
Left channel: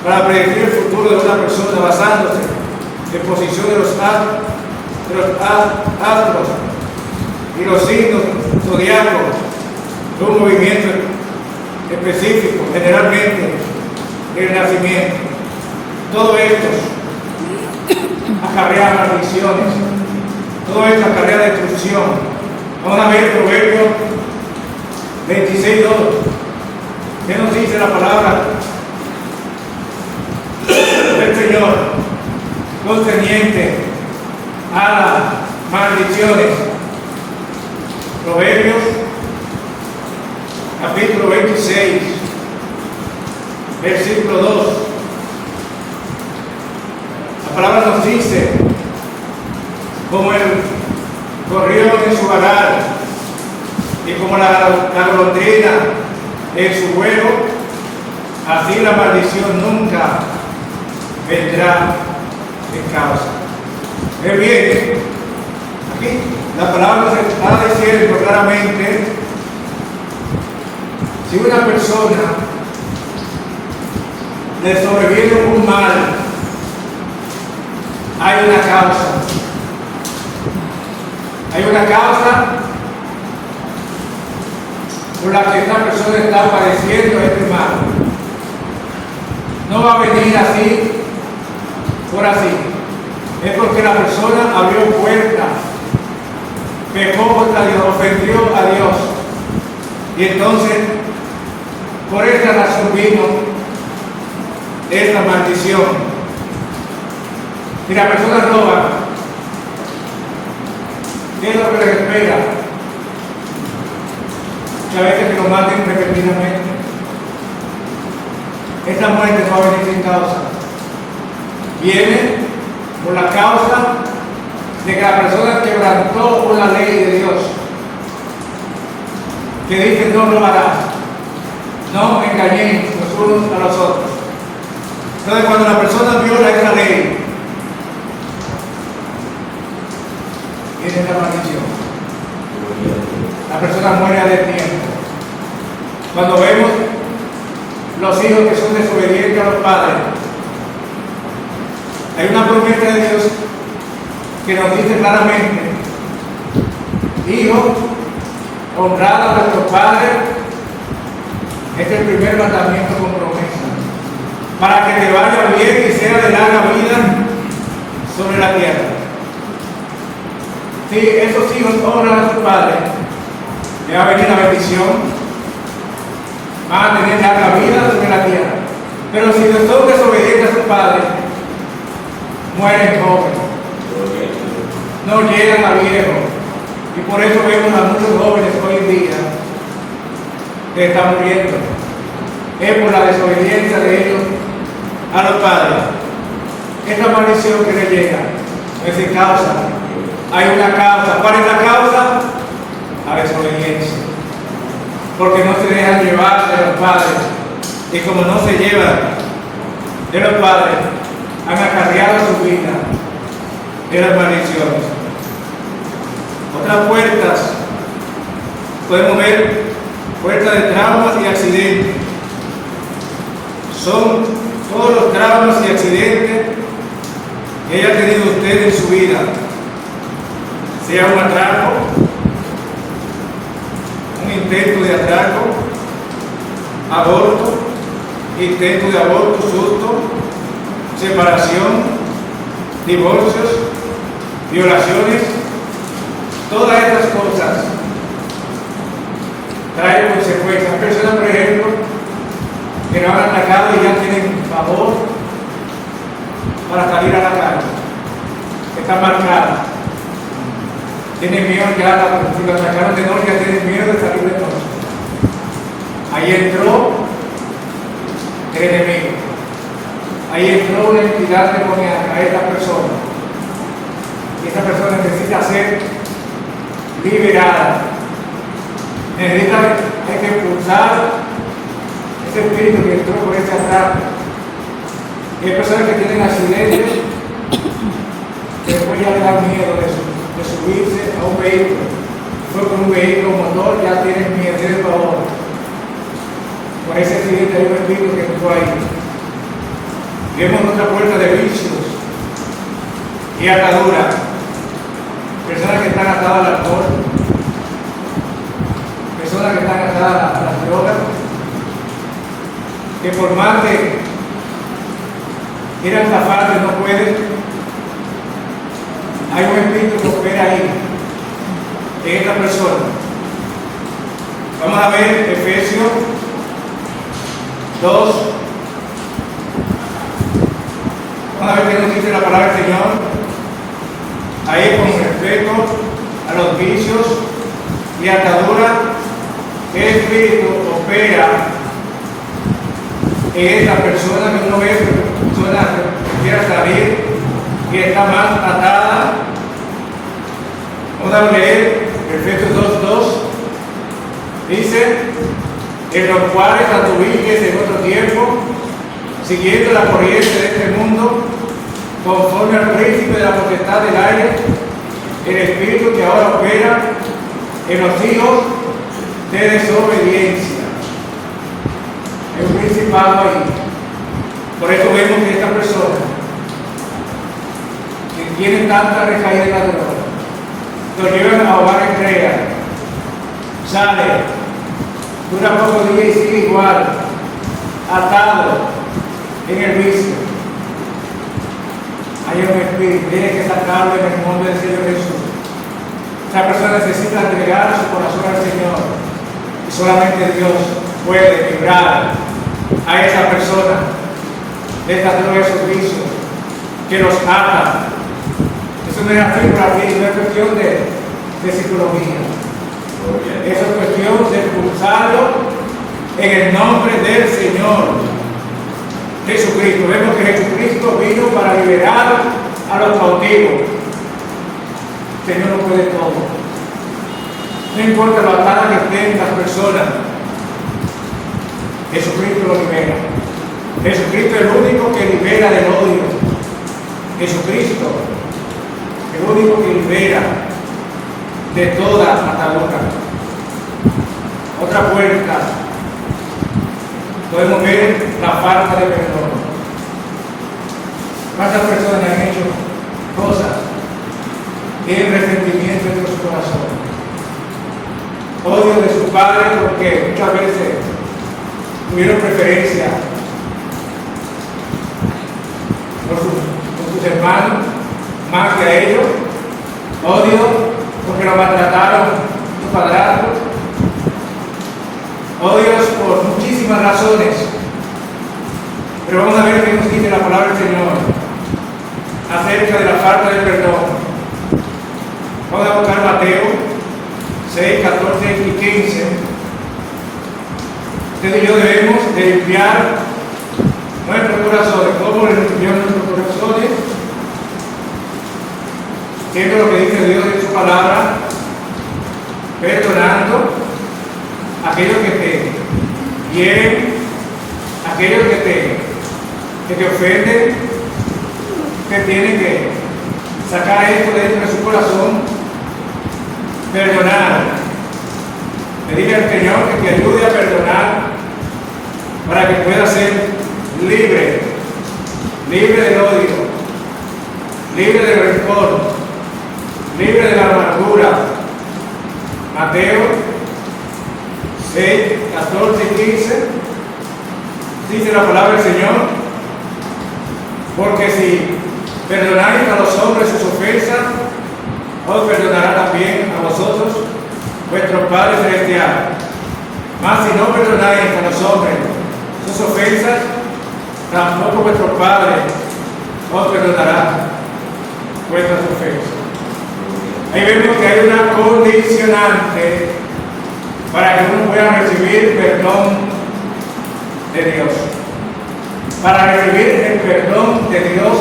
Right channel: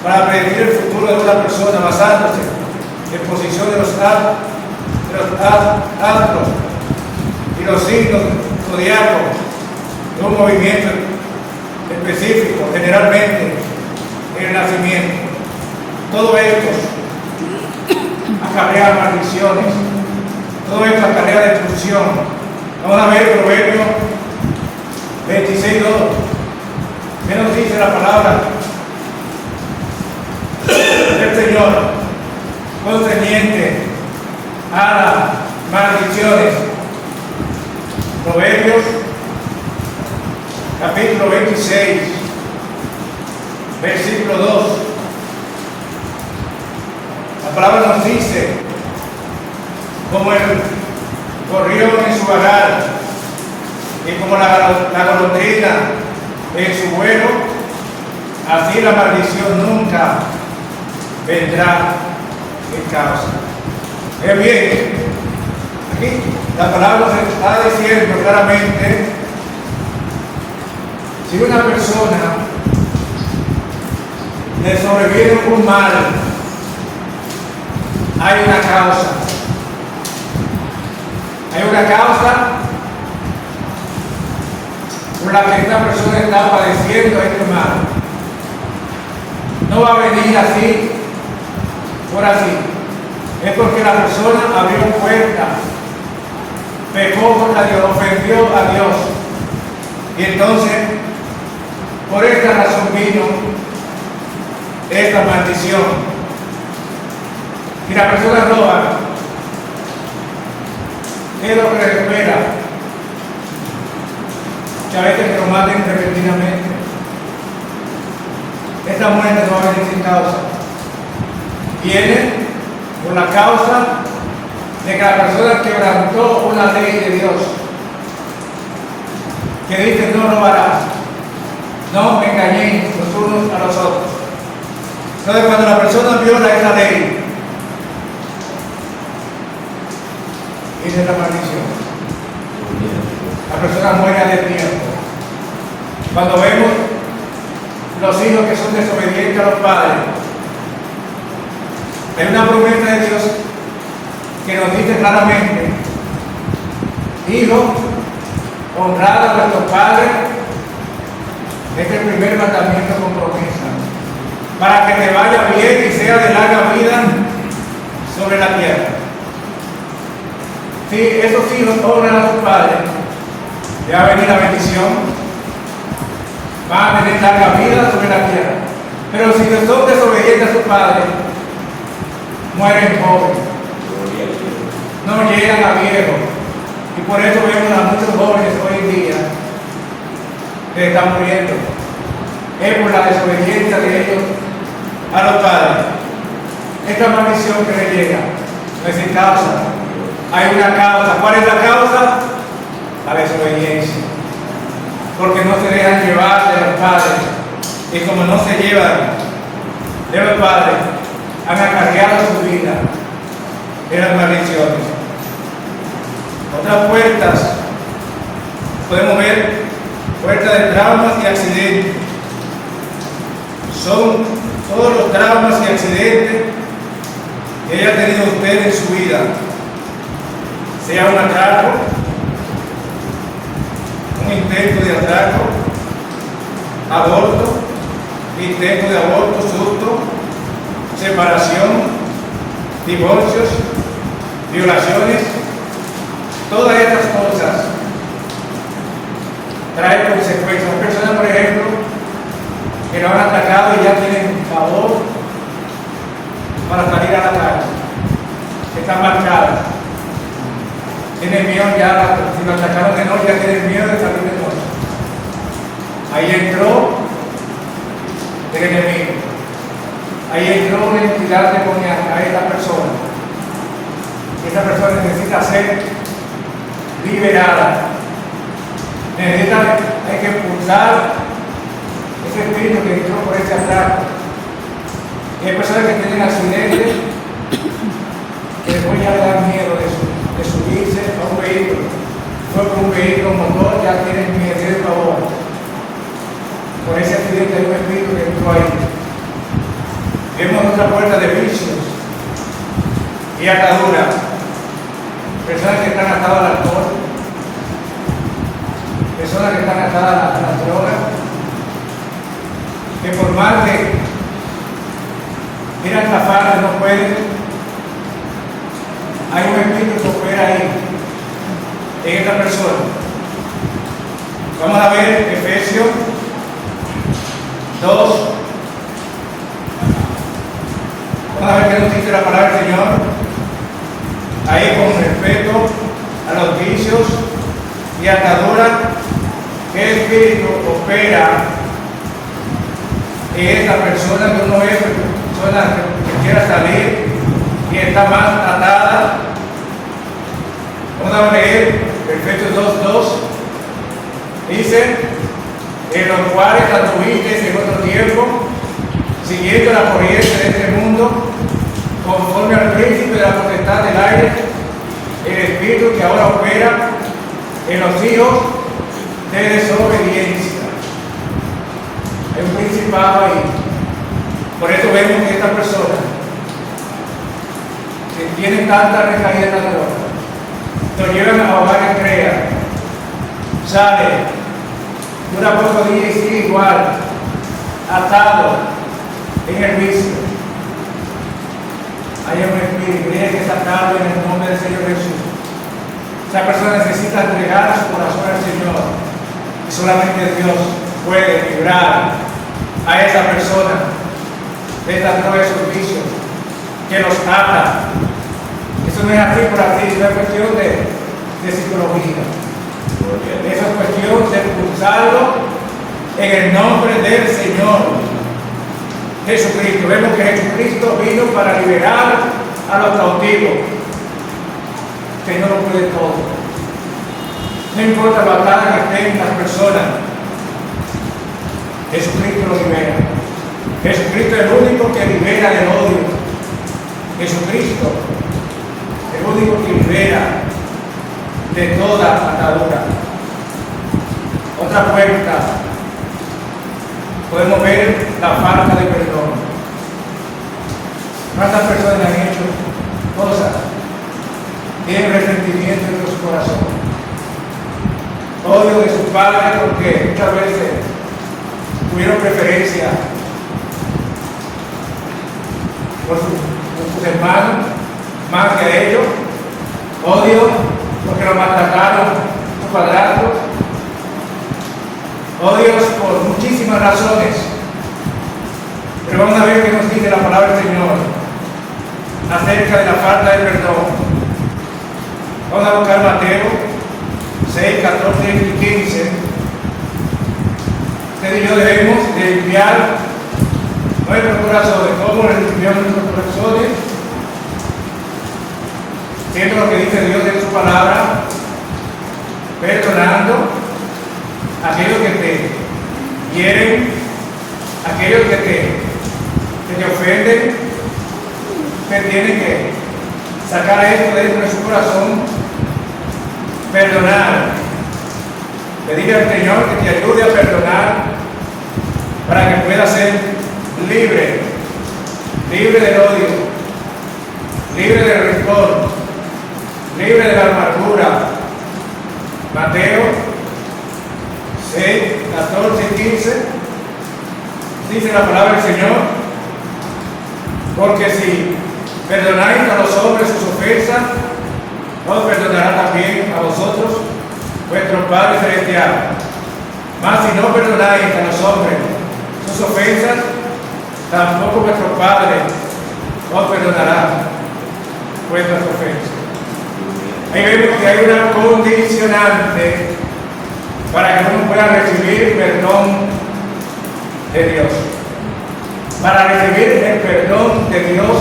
para predecir el futuro de una persona basándose en posición de los astros y los signos zodiacos de un movimiento específico, generalmente el nacimiento. Todo esto acarrea maldiciones, todo esto acarrea destrucción. Vamos a ver Proverbios 26:2. ¿Qué nos dice la palabra del Señor concerniente a las maldiciones? Proverbios capítulo 26, versículo 2. La palabra nos dice: como el gorrión en su vagar y como la golondrina en su vuelo, así la maldición nunca vendrá en causa. Bien, aquí la palabra nos está diciendo claramente: si una persona le sobreviene un mal, hay una causa. Hay una causa por la que esta persona está padeciendo este mal. No va a venir así, por así. Es porque la persona abrió puertas, pecó contra Dios, ofendió a Dios. Y entonces, por esta razón vino esta maldición. Si la persona roba, ¿qué es lo que le espera? Que a veces lo maten repentinamente. Esta muerte no va a venir sin causa. Viene por la causa de que la persona quebrantó una ley de Dios que dice: no robarás, no engañéis los unos a los otros. Entonces, cuando la persona viola esa ley, viene la maldición. La persona muere de tiempo. Cuando vemos los hijos que son desobedientes a los padres, hay una promesa de Dios que nos dice claramente: hijo, honrad a vuestros padres. Es el primer mandamiento con promesa, para que te vaya bien y sea de larga vida sobre la tierra. Si esos hijos honran a sus padres, ya va a venir la bendición, van a tener larga vida sobre la tierra. Pero si son desobedientes a sus padres, mueren jóvenes, no llegan a viejos. Y por eso vemos a muchos jóvenes hoy en día que están muriendo. Es por la desobediencia de ellos a los padres. Esta maldición que les llega no es sin causa. Hay una causa. ¿Cuál es la causa? La desobediencia. Porque no se dejan llevar de los padres. Y como no se llevan de los padres, han acarreado su vida de las maldiciones. Otras puertas, podemos ver puertas de traumas y accidentes. Son todos los traumas y accidentes que haya tenido usted en su vida, sea un atraco, un intento de atraco, aborto, intento de aborto, susto, separación, divorcios, violaciones, todas estas cosas traen consecuencias. Hay personas, por ejemplo, que no han atacado y ya tienen favor para salir a la calle, están marcados, tienen miedo ya, si lo atacaron de noche ya tienen miedo de salir de noche. Ahí entró el enemigo, ahí entró una entidad demoníaca a esta persona. Y esta persona necesita ser liberada. Hay que expulsar ese espíritu que entró por ese atraco. Y hay personas que tienen accidentes que después ya le dan miedo de subirse a un vehículo. Fue por un vehículo motor, ya tienen miedo, tienen pavor. Por ese accidente hay un espíritu que entró ahí. Vemos otra puerta de vicios y ataduras. Personas que están atadas al alcohol, personas que están atadas a las drogas, que por más de ir a estafar no pueden. Hay un espíritu que opera ahí, en esta persona. Vamos a ver Efesios 2. Vamos a ver qué nos dice la palabra del Señor. Ahí con respecto a los vicios y ataduras, ¿qué espíritu opera en esta persona que uno ve, persona que quiera salir y está más atada? Vamos a leer Efesios 2:2. Dice: en los cuales anduviste en otro tiempo, siguiendo la corriente de este mundo, conforme al príncipe de la potestad del aire, el espíritu que ahora opera en los hijos de desobediencia. Hay un principado ahí. Por eso vemos que esta persona que tiene tanta recaída en la droga, lo llevan a hogares creas, sale, dura pocos días y sigue igual, atado en el vicio. Hay un espíritu, tiene que sacarlo en el nombre del Señor Jesús. Esa persona necesita entregar su corazón al Señor. Y solamente Dios puede librar a esa persona de todos esos vicios que los ata. Eso no es así por así, no es cuestión de psicología. Eso es cuestión de expulsarlo en el nombre del Señor Jesucristo. Vemos que Jesucristo vino para liberar a los cautivos. El Señor lo puede todo. No importa la batalla que esté en las personas, Jesucristo lo libera. Jesucristo es el único que libera del odio. Jesucristo es el único que libera de toda atadura. Otra puerta, podemos ver la falta de perdón. ¿Cuántas personas han hecho cosas? Tienen resentimiento en su corazón, odio de sus padres porque muchas veces tuvieron preferencia por sus hermanos más que a ellos, odio porque los maltrataron sus padrastros, odios por muchísimas razones. Pero vamos a ver qué nos dice la palabra del Señor acerca de la falta de perdón. Vamos a buscar Mateo 6, 14 y 15. Usted y yo debemos de limpiar nuestros corazones. ¿Cómo limpiamos nuestros corazones? Siendo lo que dice Dios en su palabra, perdonando a aquellos que te hieren, a aquellos que te ofenden, que tienen que sacar esto dentro de su corazón. Perdonar, pedirle al Señor que te ayude a perdonar para que puedas ser libre del odio, libre del rencor, libre de la amargura. Mateo 6, 14 y 15 dice la palabra del Señor: Porque si perdonáis a los hombres sus ofensas, os perdonará también a vosotros vuestro Padre Celestial. Mas si no perdonáis a los hombres sus ofensas, tampoco vuestro Padre os perdonará vuestras ofensas. Ahí vemos que hay una condicionante para que uno pueda recibir perdón de Dios. Para recibir el perdón de Dios,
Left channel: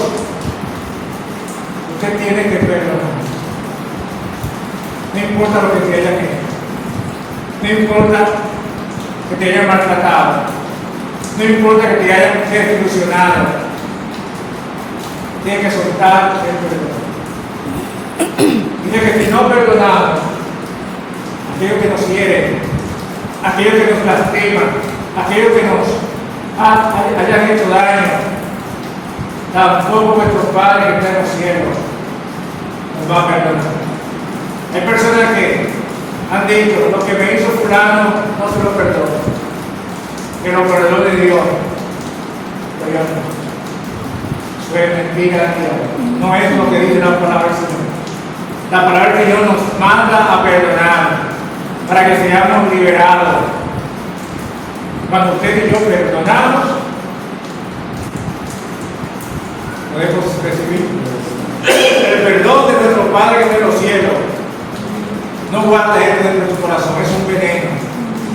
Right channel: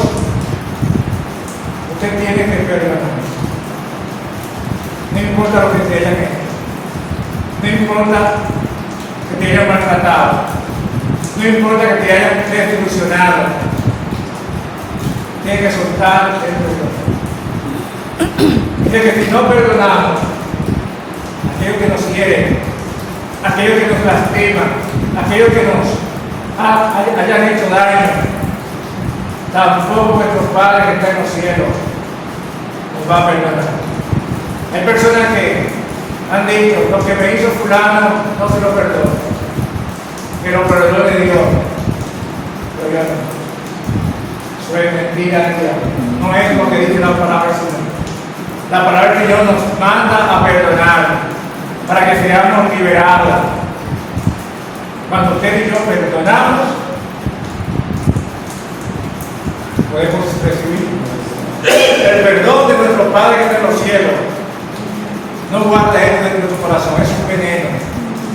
usted tiene que perdonar. No importa lo que te hayan hecho, no importa que te hayan maltratado, no importa que te hayan desilusionado, tienes que soltar el perdón. Dice que si no perdonamos a aquellos que nos hieren, a aquellos que nos lastiman, a aquellos que nos hayan hecho daño, tampoco nuestro Padre que está en los cielos nos va a perdonar. Hay personas que han dicho: lo que me hizo fulano no se lo perdono, que lo perdone Dios. Pero yo no. Eso es mentira de Dios. No es lo que dice la palabra del Señor. La palabra del Señor nos manda a perdonar para que seamos liberados. Cuando usted y yo perdonamos, podemos recibir el perdón de nuestro Padre que está en los cielos. No guarda eso dentro de tu corazón, es un veneno.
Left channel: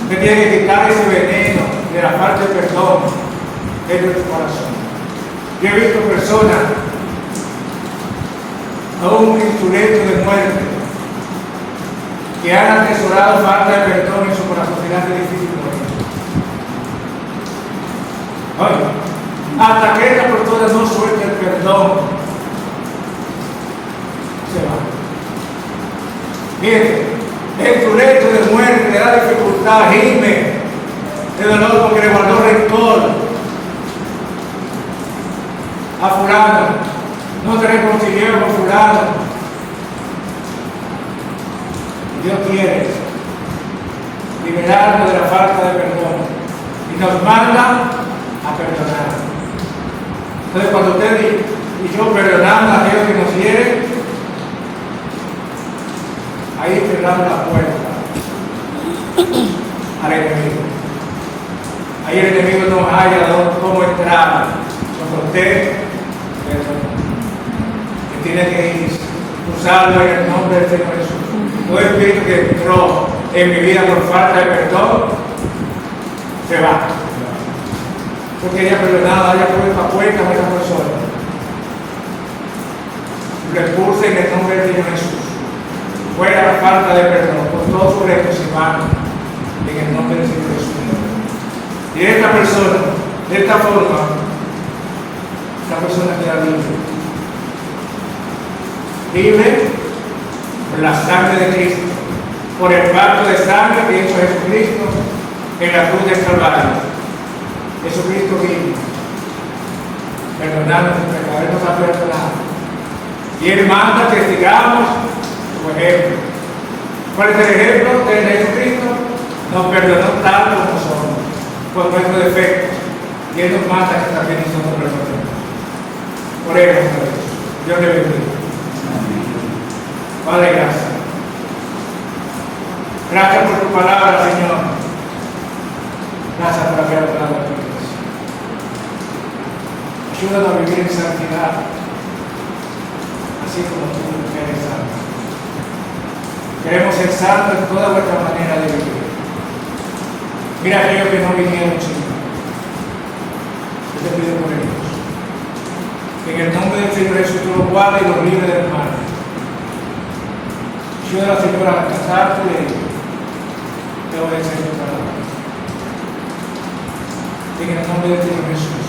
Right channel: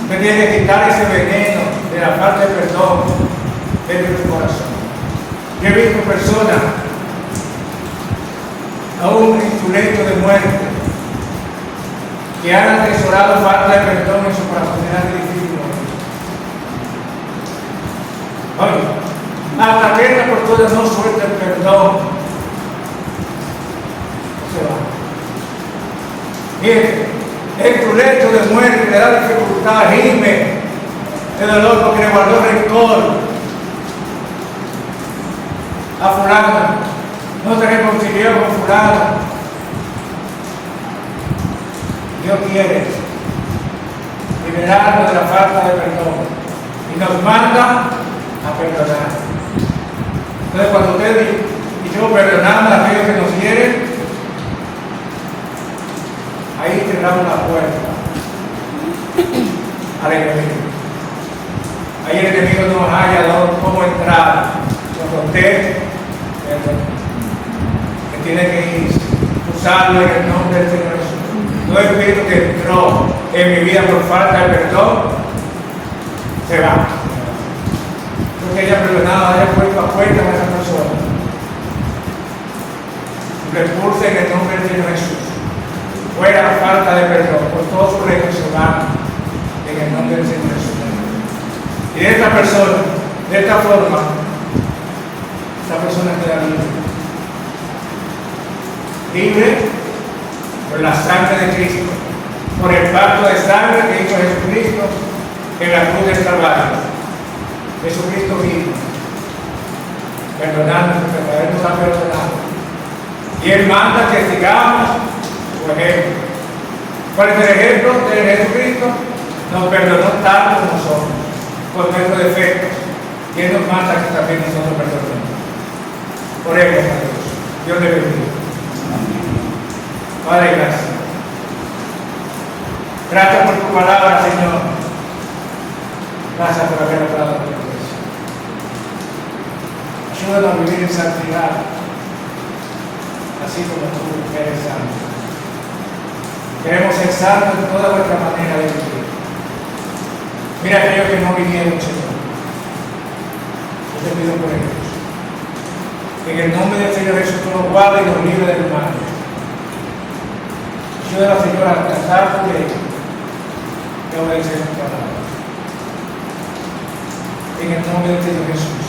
Usted tiene que quitar ese veneno de la falta de perdón dentro de tu corazón. Yo he visto personas aún en su lecho de muerte que han atesorado falta de perdón en su corazón. Será difícil morir. Oye, hasta que esta persona no suelta el perdón, se va. Mire, en tu lecho de muerte le da dificultad, gime de dolor porque le guardó rencor a fulano, no se reconcilió con fulano. Dios quiere liberarnos de la falta de perdón y nos manda a perdonar. Entonces, cuando usted y yo perdonamos a aquellos que nos hieren, ahí cerramos la puerta al enemigo. Ahí el enemigo no haya cómo entrar. Cuando usted tiene que ir, usarlo en el nombre del Señor Jesús. Todo espíritu que entró en mi vida por falta de perdón, se va. Yo quería perdonar, haya puesto a cuenta a esa persona. Lo expulse en el nombre del Señor Jesús. Fuera la falta de perdón, por todos sus restos se van en el nombre del Señor Jesús. Y esta persona, de esta forma, esta persona queda libre. Libre por la sangre de Cristo, por el pacto de sangre que hizo Jesucristo en la cruz del Calvario. Jesucristo vino, perdonarnos, porque nos ha perdonado. Y Él manda que sigamos su ejemplo. ¿Cuál es el ejemplo de Jesucristo? Nos perdonó tanto como somos, por nuestros defectos. Y Él nos manda que también nosotros perdonemos. Oremos a Dios. Dios le bendiga. Padre, gracias. Gracias por tu palabra, Señor. Gracias por haber hablado a tu iglesia. Ayúdanos a vivir en santidad, así como tú eres santo. Queremos ser santos en toda nuestra manera de vivir. Mira aquellos que no vinieron, Señor. Yo te pido por ellos. En el nombre del Señor Jesús, tú los guardes y los libres del mal. Ayuda, Señor, a tratar tu ley y a obedecer tu palabra. En el nombre del Señor Jesús.